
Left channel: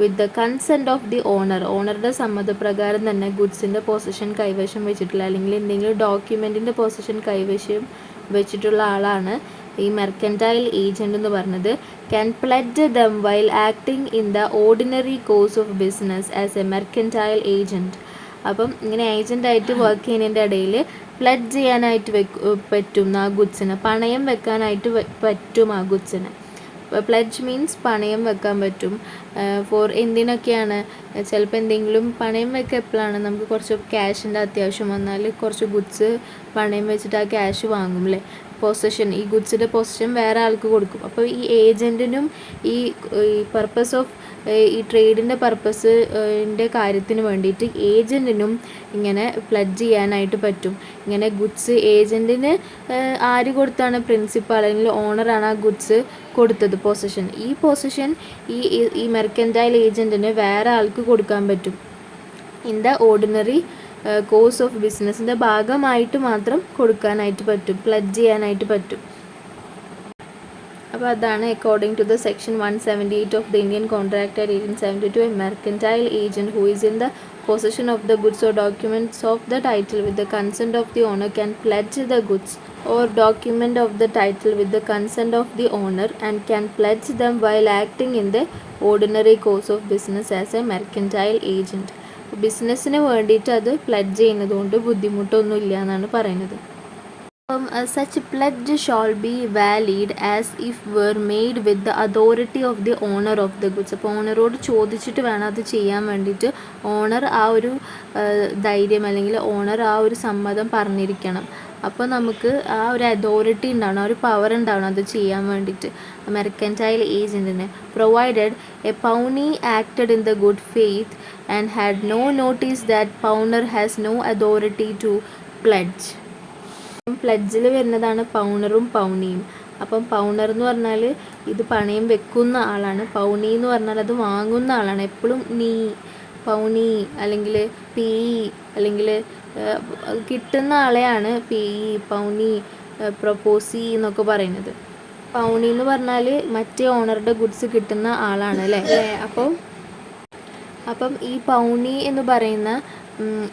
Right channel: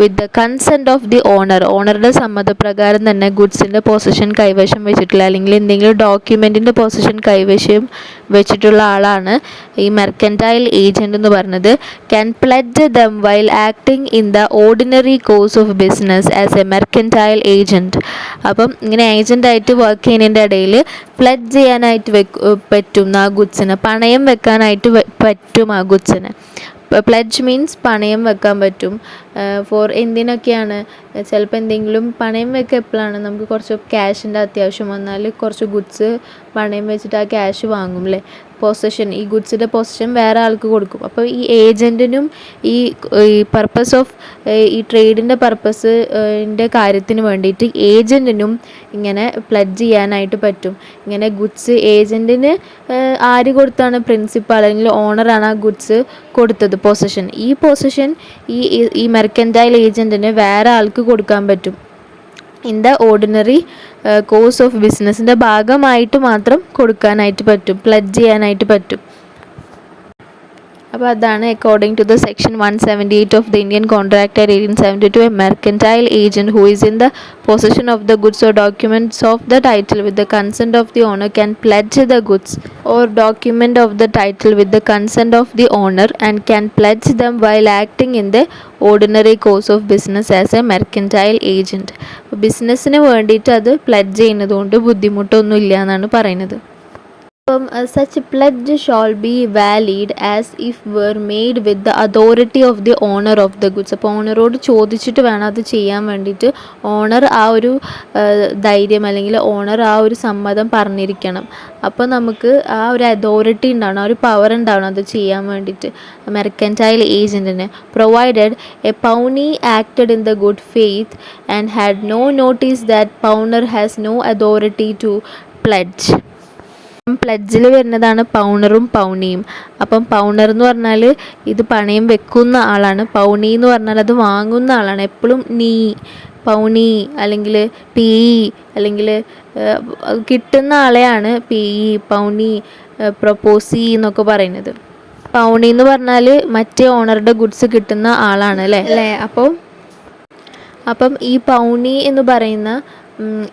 with the consent of the owner, ഓണറുടെ സമ്മതപ്രകാരം തന്നെ ഗുഡ്സിൻ്റെ position കൈവശം വെച്ചിട്ടുള്ള അല്ലെങ്കിൽ എന്തെങ്കിലും ഡോക്യുമെൻറ്റിൻ്റെ position കൈവശം വെച്ചിട്ടുള്ള ആളാണ് ഈ mercantile agent എന്ന് പറയുന്നത്. Can pledge dum while acting in the ordinary course of business as A mercantile agent. അപ്പം ഇങ്ങനെ ഏജൻ്റായിട്ട് വർക്ക് ചെയ്യുന്നതിൻ്റെ ഇടയിൽ പ്ലെഡ്ജ് ചെയ്യാനായിട്ട് പറ്റും ആ ഗുഡ്സിന്, പണയം വെക്കാനായിട്ട് പറ്റും ആ ഗുഡ്സിന്. പ്ലെഡ്ജ് മീൻസ് പണയം വെക്കാൻ പറ്റും. ഫോർ എന്തിനൊക്കെയാണ്? ചിലപ്പോൾ എന്തെങ്കിലും പണയം വെക്കുക എപ്പോഴാണ്? നമുക്ക് കുറച്ച് ക്യാഷിൻ്റെ അത്യാവശ്യം വന്നാൽ കുറച്ച് ഗുഡ്സ് പണയം വെച്ചിട്ട് ആ ക്യാഷ് വാങ്ങും അല്ലേ, പൊസഷൻ, ഈ ഗുഡ്സിൻ്റെ പൊസഷൻ വേറെ ആൾക്ക് കൊടുക്കും. അപ്പോൾ ഈ ഏജൻറ്റിനും ഈ പർപ്പസ് ഓഫ് ഈ ട്രേഡിൻ്റെ പർപ്പസിൻ്റെ കാര്യത്തിന് വേണ്ടിയിട്ട് ഏജൻറ്റിനും ഇങ്ങനെ പ്ലെഡ്ജ് ചെയ്യാനായിട്ട് പറ്റും. ഇങ്ങനെ ഗുഡ്സ് ഏജൻറ്റിന് ആര് കൊടുത്താണ്? പ്രിൻസിപ്പാൾ അല്ലെങ്കിൽ ഓണറാണ് ആ ഗുഡ്സ് കൊടുത്തത് പൊസഷൻ. ഈ പൊസഷൻ ഈ മെർക്കൻറ്റൈൽ ഏജൻറ്റിന് വേറെ ആൾക്ക് കൊടുക്കാൻ പറ്റും. In the ordinary course of ബിസിനസ്സിൻ്റെ ഭാഗമായിട്ട് മാത്രം കൊടുക്കാനായിട്ട് പറ്റും, പ്ലെഡ്ജ് ചെയ്യാനായിട്ട് പറ്റും. അപ്പോൾ അതാണ് according to the section 178 of the Indian contract act 1872. A mercantile agent who is in the possession of the goods or documents of the title with the consent of the owner can pledge the goods or document of the title with the consent of the owner and can pledge them while acting in the ordinary course of business as a mercantile agent. ബിസിനസ്സിന് വേണ്ടിയിട്ട് അത് pledge ചെയ്യുന്നത് കൊണ്ട് ബുദ്ധിമുട്ടൊന്നും ഇല്ല എന്നാണ് പറയുന്നത്. Such pledge shall be valid as if were made with the authority of the owner of the goods. അപ്പോൾ ഓണറോട് ചോദിച്ചിട്ട് വേണം അത് ചെയ്യാൻ വേണ്ടിയിട്ട്. ഓണർ ആ ഒരു ധൈര്യം അല്ലെങ്കിൽ ഓണർ ആ ഒരു സമ്മതം പറഞ്ഞിരിക്കണം. അപ്പോൾ നമുക്ക് ആ ഒരു അതോറിറ്റി ഉണ്ടാവണം, ആ ഒരു പവർ ഉണ്ടാവണം അത് ചെയ്യാൻ വേണ്ടിയിട്ട് മെർക്കൻറ്റൈൽ ഏജൻറ്റിന്. Provided a pawnee acted in the good faith and had no notice that pawnor has no authority to pledge. പ്ലെഡ്ജിൽ വരുന്നതാണ് പൗണറും പൗണിയും. അപ്പം പൗണർ എന്ന് പറഞ്ഞാൽ ഇത് പണയം വെക്കുന്ന ആളാണ്, പൗണി എന്ന് പറഞ്ഞാൽ അത് വാങ്ങുന്ന ആളാണ്. എപ്പോഴും നീ, പൗണി അല്ലെങ്കിൽ പി അല്ലെങ്കിൽ കിട്ടുന്ന ആളെയാണ് പി, പൗണി, പ്രൊപ്പോസി എന്നൊക്കെ പറയുന്നത്. പൗണി എന്ന് പറഞ്ഞാൽ മറ്റേ ഓണറുടെ ഗുഡ്സ് കിട്ടുന്ന ആളാണ് അല്ലേ. അപ്പം ഈ പൗണി എന്ന് പറയുന്ന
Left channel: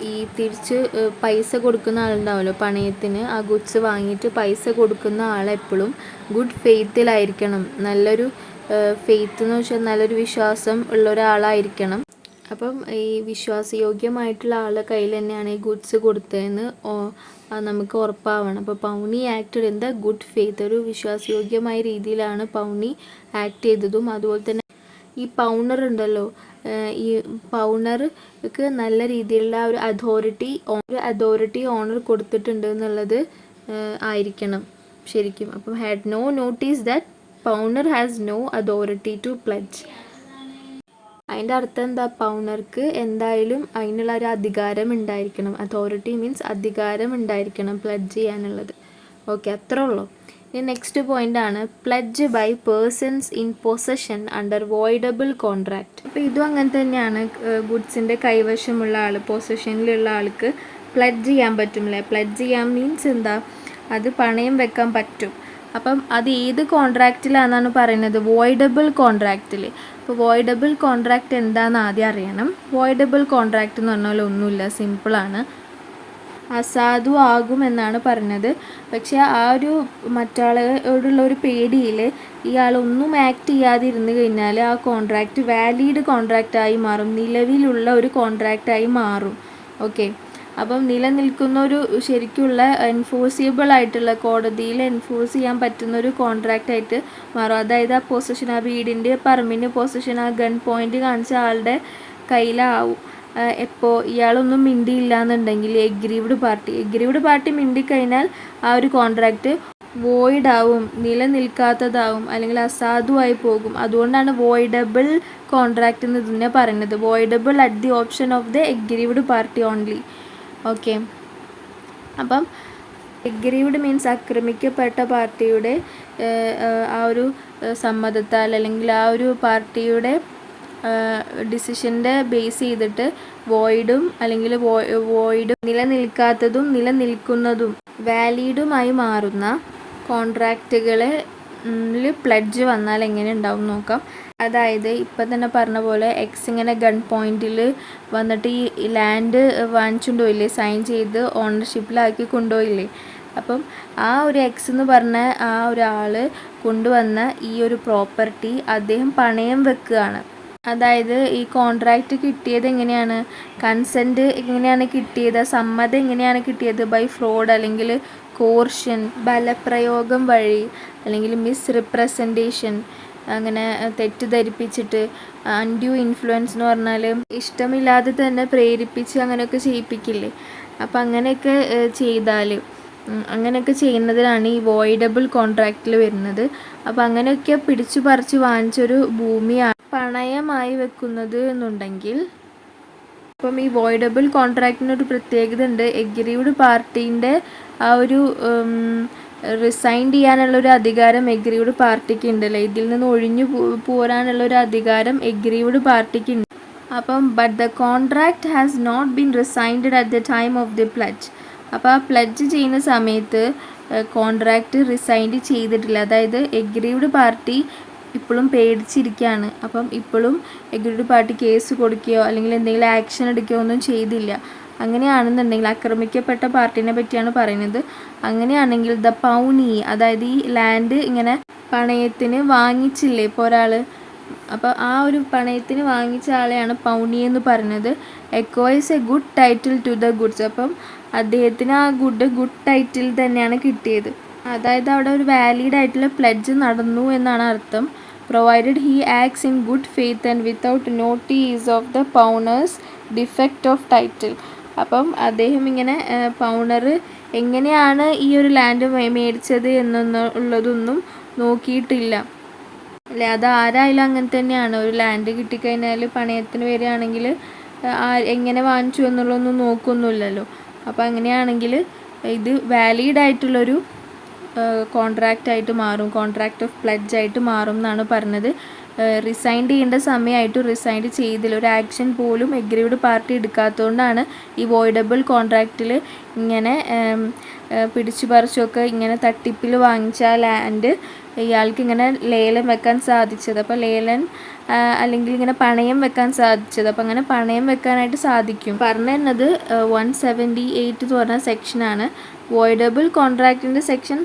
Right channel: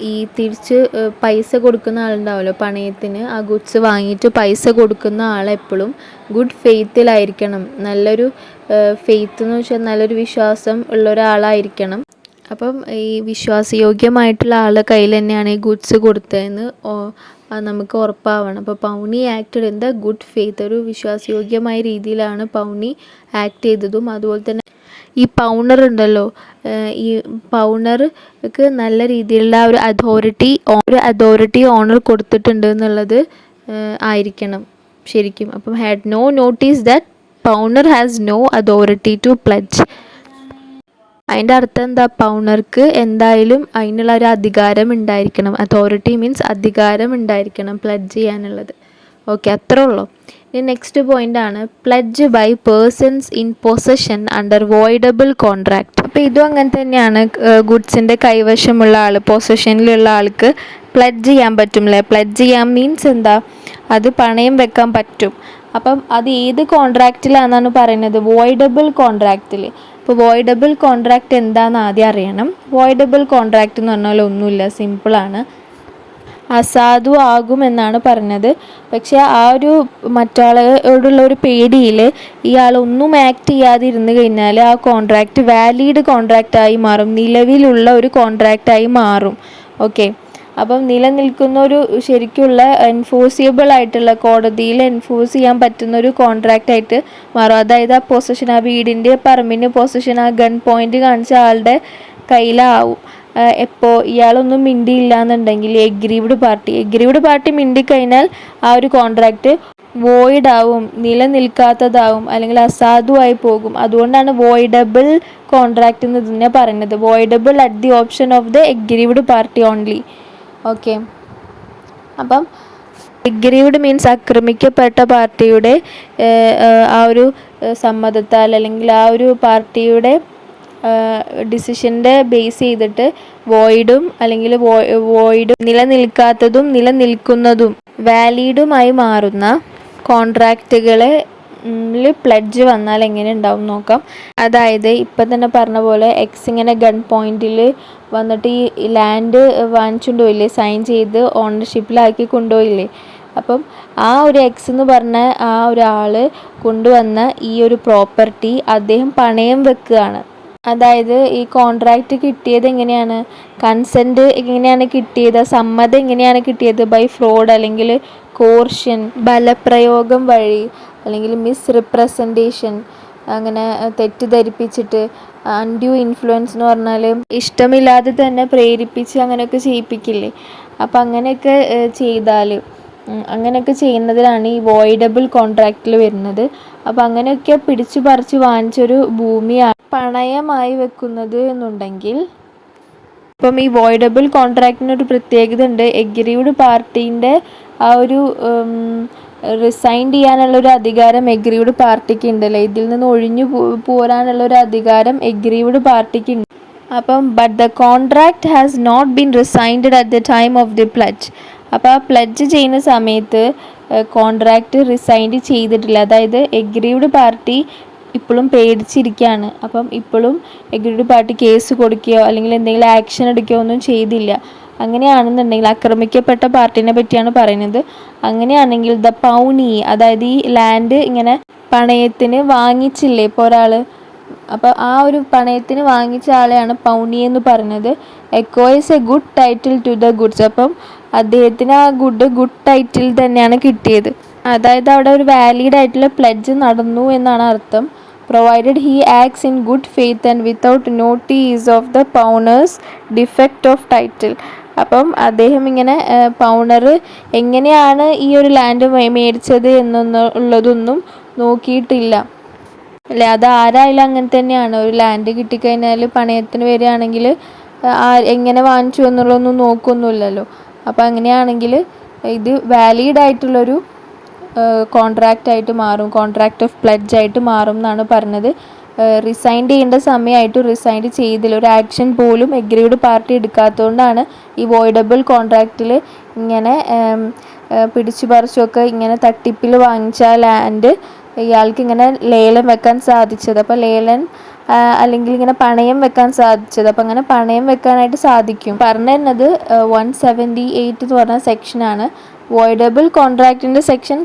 ഈ തിരിച്ച് പൈസ കൊടുക്കുന്ന ആളുണ്ടാവുമല്ലോ പണയത്തിന്, ആ ഗുഡ്സ് വാങ്ങിയിട്ട് പൈസ കൊടുക്കുന്ന ആളെപ്പോഴും ഗുഡ് ഫെയ്ത്തിലായിരിക്കണം. നല്ലൊരു ഫെയ്ത്ത് എന്ന് വെച്ചാൽ നല്ലൊരു വിശ്വാസം ഉള്ള ഒരാളായിരിക്കണം. അപ്പം ഈ വിശ്വാസയോഗ്യമായിട്ടുള്ള ആളുടെ കയ്യിൽ തന്നെയാണ് ഈ ഗുഡ്സ് കൊടുത്തതെന്ന് അത് നമുക്ക് ഉറപ്പാവണം. അപ്പോൾ pawnee acted in the good faith, ഒരു വിശ്വാസയോഗ്യമായ രീതിയിലാണ് പൗണി ആക്ട് ചെയ്തതും. അതുപോലെ തന്നെ ഈ പൗണർ ഉണ്ടല്ലോ, ഈ പൗണർക്ക് നല്ല രീതിയിലുള്ള ഒരു അതോറിറ്റി ഓണർ കൊടുത്തിട്ടുണ്ട് എന്നുള്ളത് ആയിരിക്കണം ശരിക്കും. അപ്പം had no notice that pawnor has no authority to pledge. അതിൻ്റെ അർത്ഥം എന്താ? പൗണർക്ക് എന്തായാലും അതിനുള്ള ഒരു അധികാരം ഉണ്ടായിരിക്കണം. അതോറിറ്റി മീൻസ് അധികാരം ഉണ്ടായിരിക്കണം പ്ലഡ്ജ് ചെയ്യാനുള്ളത്. ഓക്കെ, അത്രേ ഉള്ളൂ. ഇനി നെക്സ്റ്റ് പോയിന്റ് ആണ് pledge by persons in possession under voidable contract. അപ്പോൾ ഇതും അങ്ങനെ തന്നെയാണ്. ഗുഡ്സിൻ്റെ കൈവശമുള്ള ആൾ, പൊസഷനിലുള്ള ആൾക്ക് പ്ലഡ്ജ് ചെയ്യാൻ പറ്റുമല്ലേ? പ്ലഡ്ജ് ചെയ്യാൻ മീൻസ് എന്താ? അത് പണയം വെക്കാൻ പറ്റും. അപ്പം അത് ഏത് കോൺട്രാക്റ്റിലാണെന്നാണ് പറയുന്നത്? വോയിഡബിൾ കോൺട്രാക്റ്റിൽ. അപ്പോൾ വോയിഡബിൾ കോൺട്രാക്റ്റ് എന്താണെന്ന് ആദ്യം അറിയണം. വോയിഡബിൾ കോൺട്രാക്റ്റ് എന്ന് പറഞ്ഞാൽ ഒന്നുമില്ല, സിമ്പിളാണ്. അസാധു ആകുമെന്നാണ് പറഞ്ഞത്. പക്ഷേ ആ ഒരു മറ്റാളോടുള്ള ഒരു പേടിയിൽ ഇയാളൊന്നും ആക്ട് ചെയ്യാതിരുന്നു കഴിഞ്ഞാൽ ആ കോൺട്രാക്റ്റ് വാലിഡ് കോൺട്രാക്റ്റായി മാറും, നിലവിലുള്ള ഒരു കോൺട്രാക്റ്റായി മാറും. ഓക്കെ, അപ്പം നിലനിൽക്കുന്ന ഒരു ശരിക്കുള്ള എൻഫോഴ്സിബിൾ ആയിട്ടുള്ള, കോടതിയിൽ എൻഫോഴ്സ് ചെയ്യാൻ പറ്റുന്ന ഒരു കോൺട്രാക്റ്റ് ആയിട്ട് മാറും. അതായത് ആ പൊസിഷൻ, ആ വീടിൻ്റെ പറമ്പിൻ്റെ പൊസിഷൻ ആ ഗൺ പോയിന്റ് കാണിച്ച ആളുടെ കയ്യിലാവും. എപ്പോൾ ഇയാളൊന്നും മിണ്ടിയില്ല എന്നുണ്ടെങ്കിൽ എഗ്രീവ്ഡ് പാർട്ടി മിണ്ടിക്കഴിഞ്ഞാൽ ആ ഒരു കോൺട്രാക്റ്റ് വോയിഡ് ആവും, നിലനിൽക്കാത്തതാവും, അല്ലെങ്കിൽ അസാധുവായി പോകും. അതുകൊണ്ടാണ് വോയിഡബിൾ കോൺട്രാക്റ്റ് എന്ന് ഇതിനെ പറയുന്നത്. Voidable at the option of the aggrieved party only. Okay, അപ്പം എഗ്രീവ്ഡ് മീൻസ് ആക്രമിക്കപ്പെട്ട പാർട്ടിയുടെ ആ ഒരു സമ്മതത്താൽ, അല്ലെങ്കിൽ ആ ഒരു പാർട്ടിയുടെ ഡിസിഷൻ്റെ ബേസ് ചെയ്തിട്ട് വോയിഡും അല്ലെങ്കിൽ വോയിഡും നിലനിൽക്കാത്തതും നിലനിൽക്കുന്നതും വാലിഡുമായി മാറുന്ന കോൺട്രാക്റ്റുകളെ പ്ലഡ്ജ് വന്നാൽ എങ്ങനെ ഉണ്ടാവും നോക്കാം. അതായത് ഇപ്പം തന്നെ പറഞ്ഞ പോലെ എക്സ് ഇങ്ങനെ ഗൺ പോയിന്റിൽ വന്നിട്ട് ഈ ലാൻഡ് വാങ്ങിച്ചുകൊണ്ട് പോയില്ലേ, സൈൻ ചെയ്ത് ഓണർഷിപ്പിലാക്കി കൊണ്ടുപോയില്ലേ. അപ്പം ആ ഒരു എക്സ് എന്ന് പറഞ്ഞ ആ ഒരാൾ കൊണ്ടുവന്ന ഈ ഒരു പ്രോപ്പർട്ടി അദ്ദേഹം പണയം വെക്കുകയാണ്. അതായത് ഈ കോൺട്രാക്റ്റ് കിട്ടിയത് എങ്ങനെയാണ്? കൺസെൻറ്റ് എങ്ങനെയാണ് കിട്ടിയത്? സമ്മതം എങ്ങനെയാണ് കിട്ടിയത്? ബൈ ഫ്രോഡ്, അല്ലെങ്കിൽ കോർഷൻ, ബലപ്രയോഗം വഴി, അല്ലെങ്കിൽ മിസ് റിപ്രസൻറ്റേഷൻ, അങ്ങനെ തെറ്റിദ്ധരിപ്പിച്ചിട്ട്, അൺഡ്യൂ ഇൻഫ്ലുവൻസ് എന്ന് പറഞ്ഞാൽ ഇഷ്ടമില്ലാതെ തന്നെ പ്രേരിപ്പിച്ച് അങ്ങനെയൊക്കെ ചെയ്യിപ്പിക്കില്ലേ. അപ്പം അങ്ങനെയൊക്കെ ചെയ്താൽ, അങ്ങനെയൊക്കെ ചെയ്യുന്നതിനാണ് ഈ വോയിഡബിൾ കോൺട്രാക്റ്റിൽ വരുന്നത്. അപ്പം അങ്ങനെയൊക്കെ പിടിച്ചു പറിച്ച് വാങ്ങിച്ചൊരു ഭൂമിയാണ് പണയമായി വെക്കുന്നത് എന്നുണ്ടെങ്കിൽ, ഇപ്പം ഈ വോയിഡബിൾ കോൺട്രാക്റ്റിനൊരു പ്രത്യേകത ഉണ്ട്. എഗ്രീവ്ഡ് പാർട്ടീൻ്റെ ആ ഒരു റിസൈൻ ചെയ്യാനുള്ളൊരു അധികാരം എഗ്രീവ്ഡ് പാർട്ടിക്ക് ഉണ്ടല്ലോ, ഇതിൽ നിന്ന് ഒഴിഞ്ഞു പോരാനുള്ളൊരു അധികാരം എഗ്രീവ്ഡ് പാർട്ടിക്ക് ഉണ്ട്. അപ്പം but the contract has not been rescinded at the time of the pledge. അപ്പോൾ ആ പ്ലഡ്ജ് ചെയ്യുന്ന സമയത്ത് കോൺട്രാക്റ്റ് റിസൈൻഡ് ചെയ്തിട്ടില്ല. അതായത് എഗ്രീവ്ഡ് പാർട്ടി ഇപ്പോഴും പേടിച്ചിരിക്കുകയാണ്. അപ്പം ഇപ്പോഴും എഗ്രീവ്ഡ് പാർട്ടി കേസ് കൊടുക്കുകയോ അല്ലെങ്കിൽ എന്തെങ്കിലും ആക്ഷൻ എടുക്കുകയോ ഒന്നും ചെയ്തില്ല. അങ്ങനെയാണെന്നുണ്ടെങ്കിൽ, ആക്രമിക്കപ്പെട്ട പാർട്ടീനെ പറ്റിയാണ് പറയുന്നത്. അങ്ങനെയാണെങ്കിൽ ദ പൗണി, അതായത് ഈ ലാൻഡ് ഇങ്ങനെ പണയത്തിന് വാങ്ങിച്ചില്ലേ ഇപ്പോൾ ഒരാൾ, അപ്പോൾ ആ ഒരു പണയത്തിന് വാങ്ങിച്ച ആളെയാണ് പൗണി എന്ന് പറയുന്നത്. Acquires a good title to the goods. അപ്പം അദ്ദേഹത്തിന് ആ ഗുഡ് ടൈറ്റിൽ തന്നെയാണ് കിട്ടിയത്. അതായത് അവിടെ ഒരു വാലിഡ് ആയിട്ടുള്ള പ്ലഡ്ജ് നടന്നു എന്നാണ് അർത്ഥം. Provided he acts in good faith and without notice of the pawnor's defect of title. അപ്പം അദ്ദേഹം ഇങ്ങനെ പൗണർ എങ്ങനെയാണ് ഈ ഒരു ലാൻഡ് മേടിച്ചത് എന്നുള്ളതൊന്നും നോക്കിയിട്ടില്ല അല്ലേ. അത് ആരായാലും അങ്ങനെ തന്നെയാണ്. ഒരു ലാൻഡ് കിട്ടിക്കഴിഞ്ഞാൽ പണയത്തിന് വരികയാണെങ്കിൽ എങ്ങനെ വാങ്ങിച്ചു എന്നുള്ളതൊന്നും നോക്കൊന്നുമില്ലല്ലോ. അപ്പോൾ അങ്ങനെയാണെങ്കിൽ ഇത് വാലിഡ് ആയിട്ടുള്ളൊരു കോൺട്രാക്റ്റ് ആയിട്ട് മാറും, കോൺട്രാക്റ്റ് ഓഫ് പ്ലഡ്ജ് ആയിട്ട് മാറും എന്നാണ് പറഞ്ഞത്. റിസൈൻ ചെയ്യേണ്ട സമയമായിട്ട് റിസൈൻ ചെയ്തില്ല. ഒരു ആക്ഷൻ പോലും എഗ്രീവ്ഡ് പാർട്ടി എടുക്കാത്തതുകൊണ്ടാണ് ഈ വോയിഡബിൾ കോൺട്രാക്റ്റിൽ ഇങ്ങനെ പിടിച്ചു പറിച്ചൊക്കെ ഇങ്ങനെ തട്ടിപ്പിൽ വാങ്ങിച്ച ലാൻഡ് ഇയാൾക്ക് ഇങ്ങനെ ലേലം വെക്കാൻ സാധിച്ചത്. അപ്പോൾ ലേലം അല്ലെങ്കിൽ ഇങ്ങനെ പണയം വെക്കാൻ സാധിച്ചത്. അപ്പോൾ അങ്ങനെ പണയം വെക്കാനായിട്ട് സാധിക്കും. പറഞ്ഞു തരുന്നത് 178 എന്ന് പറഞ്ഞ സെക്ഷനാണ്. വോയിഡബിൾ കോൺട്രാക്റ്റിൻ്റെ സെക്ഷൻ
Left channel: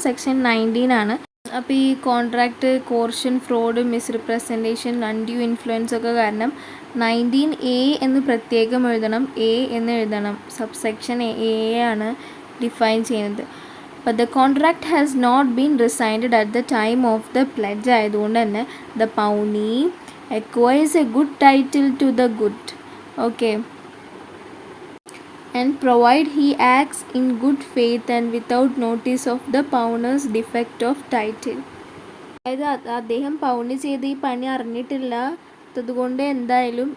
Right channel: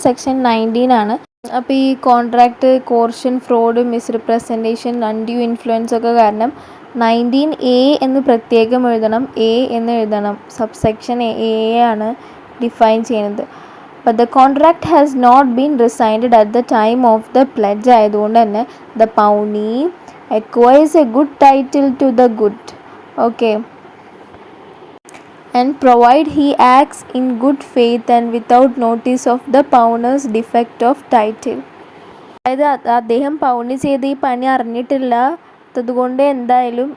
19 ആണ്. അപ്പോൾ ഈ contract coercion, fraud, misrepresentation, undue influence ഒക്കെ കാരണം 19A എന്ന് പ്രത്യേകം എഴുതണം, എ എന്ന് എഴുതണം. സബ്സെക്ഷൻ എ ആണ് ഡിഫൈൻ ചെയ്യുന്നത്. But the contract has not been rescinded at the time of the pledge ആയതുകൊണ്ട് തന്നെ the pawnee acquires a good title to the good. Okay. And provide he acts in good faith and without notice of the pawner's defect of title. അതായത് അദ്ദേഹം പൗണി ചെയ്ത് ഈ പണി അറിഞ്ഞിട്ടില്ലാത്തതുകൊണ്ട് എന്തായാലും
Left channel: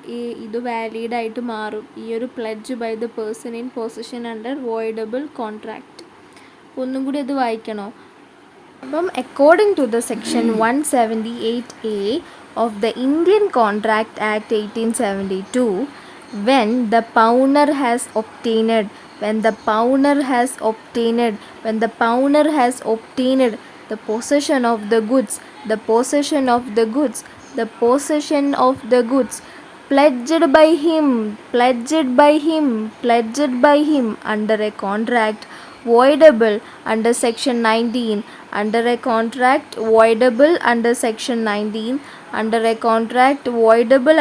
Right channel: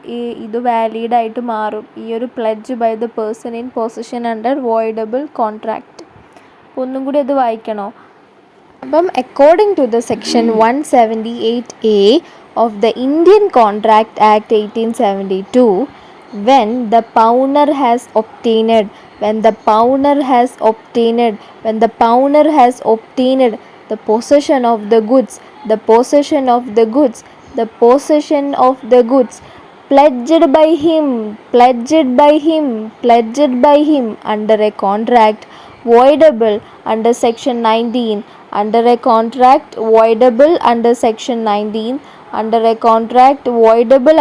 ഇത് വാലിഡായിട്ട് മാറും, ഈ ഒരു pledge by the person in position under voidable contract. ഒന്നും കൂടി അത് വായിക്കണോ? അപ്പം according to the section 178A of the Indian Contract Act 1872, when the pawner has obtained the possession of the goods pledged by him under a contract voidable under section 19, under a contract voidable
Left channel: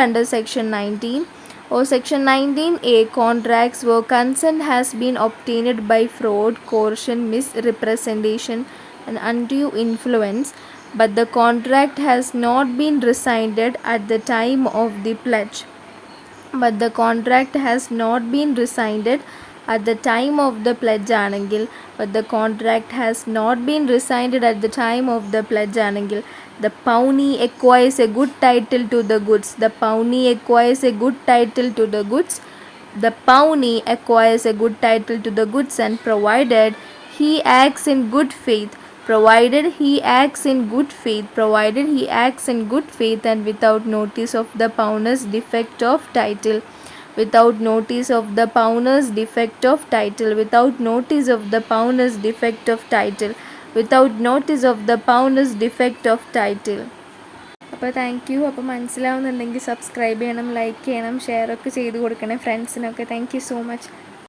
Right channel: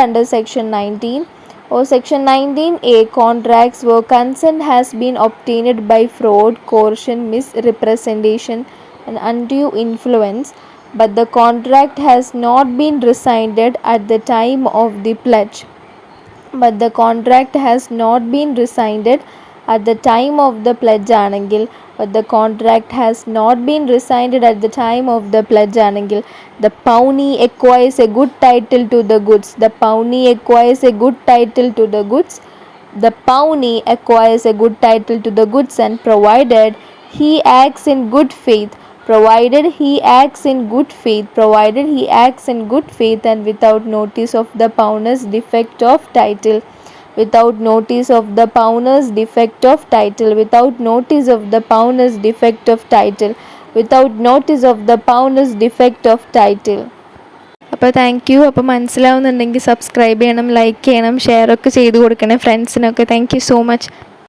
under section 19 or section 19A contracts where consent has been obtained by fraud, coercion, misrepresentation and undue influence, but the contract has not been rescinded at the time of the pledge. ആണെങ്കിൽ the pawnee acquires a good title to the goods. And provided he acts in good faith and without notice of the pawner's defect of title. അപ്പോൾ thank you. അപ്പോൾ മനസ്സിലാവുന്നുണ്ടെങ്കിൽ subscribe ചെയ്യണം, like ചെയ്യണം, share ഒക്കെ ചെയ്ത് കൊടുക്കണേ ഫ്രണ്ട്സിനൊക്കെ. Thank you so much.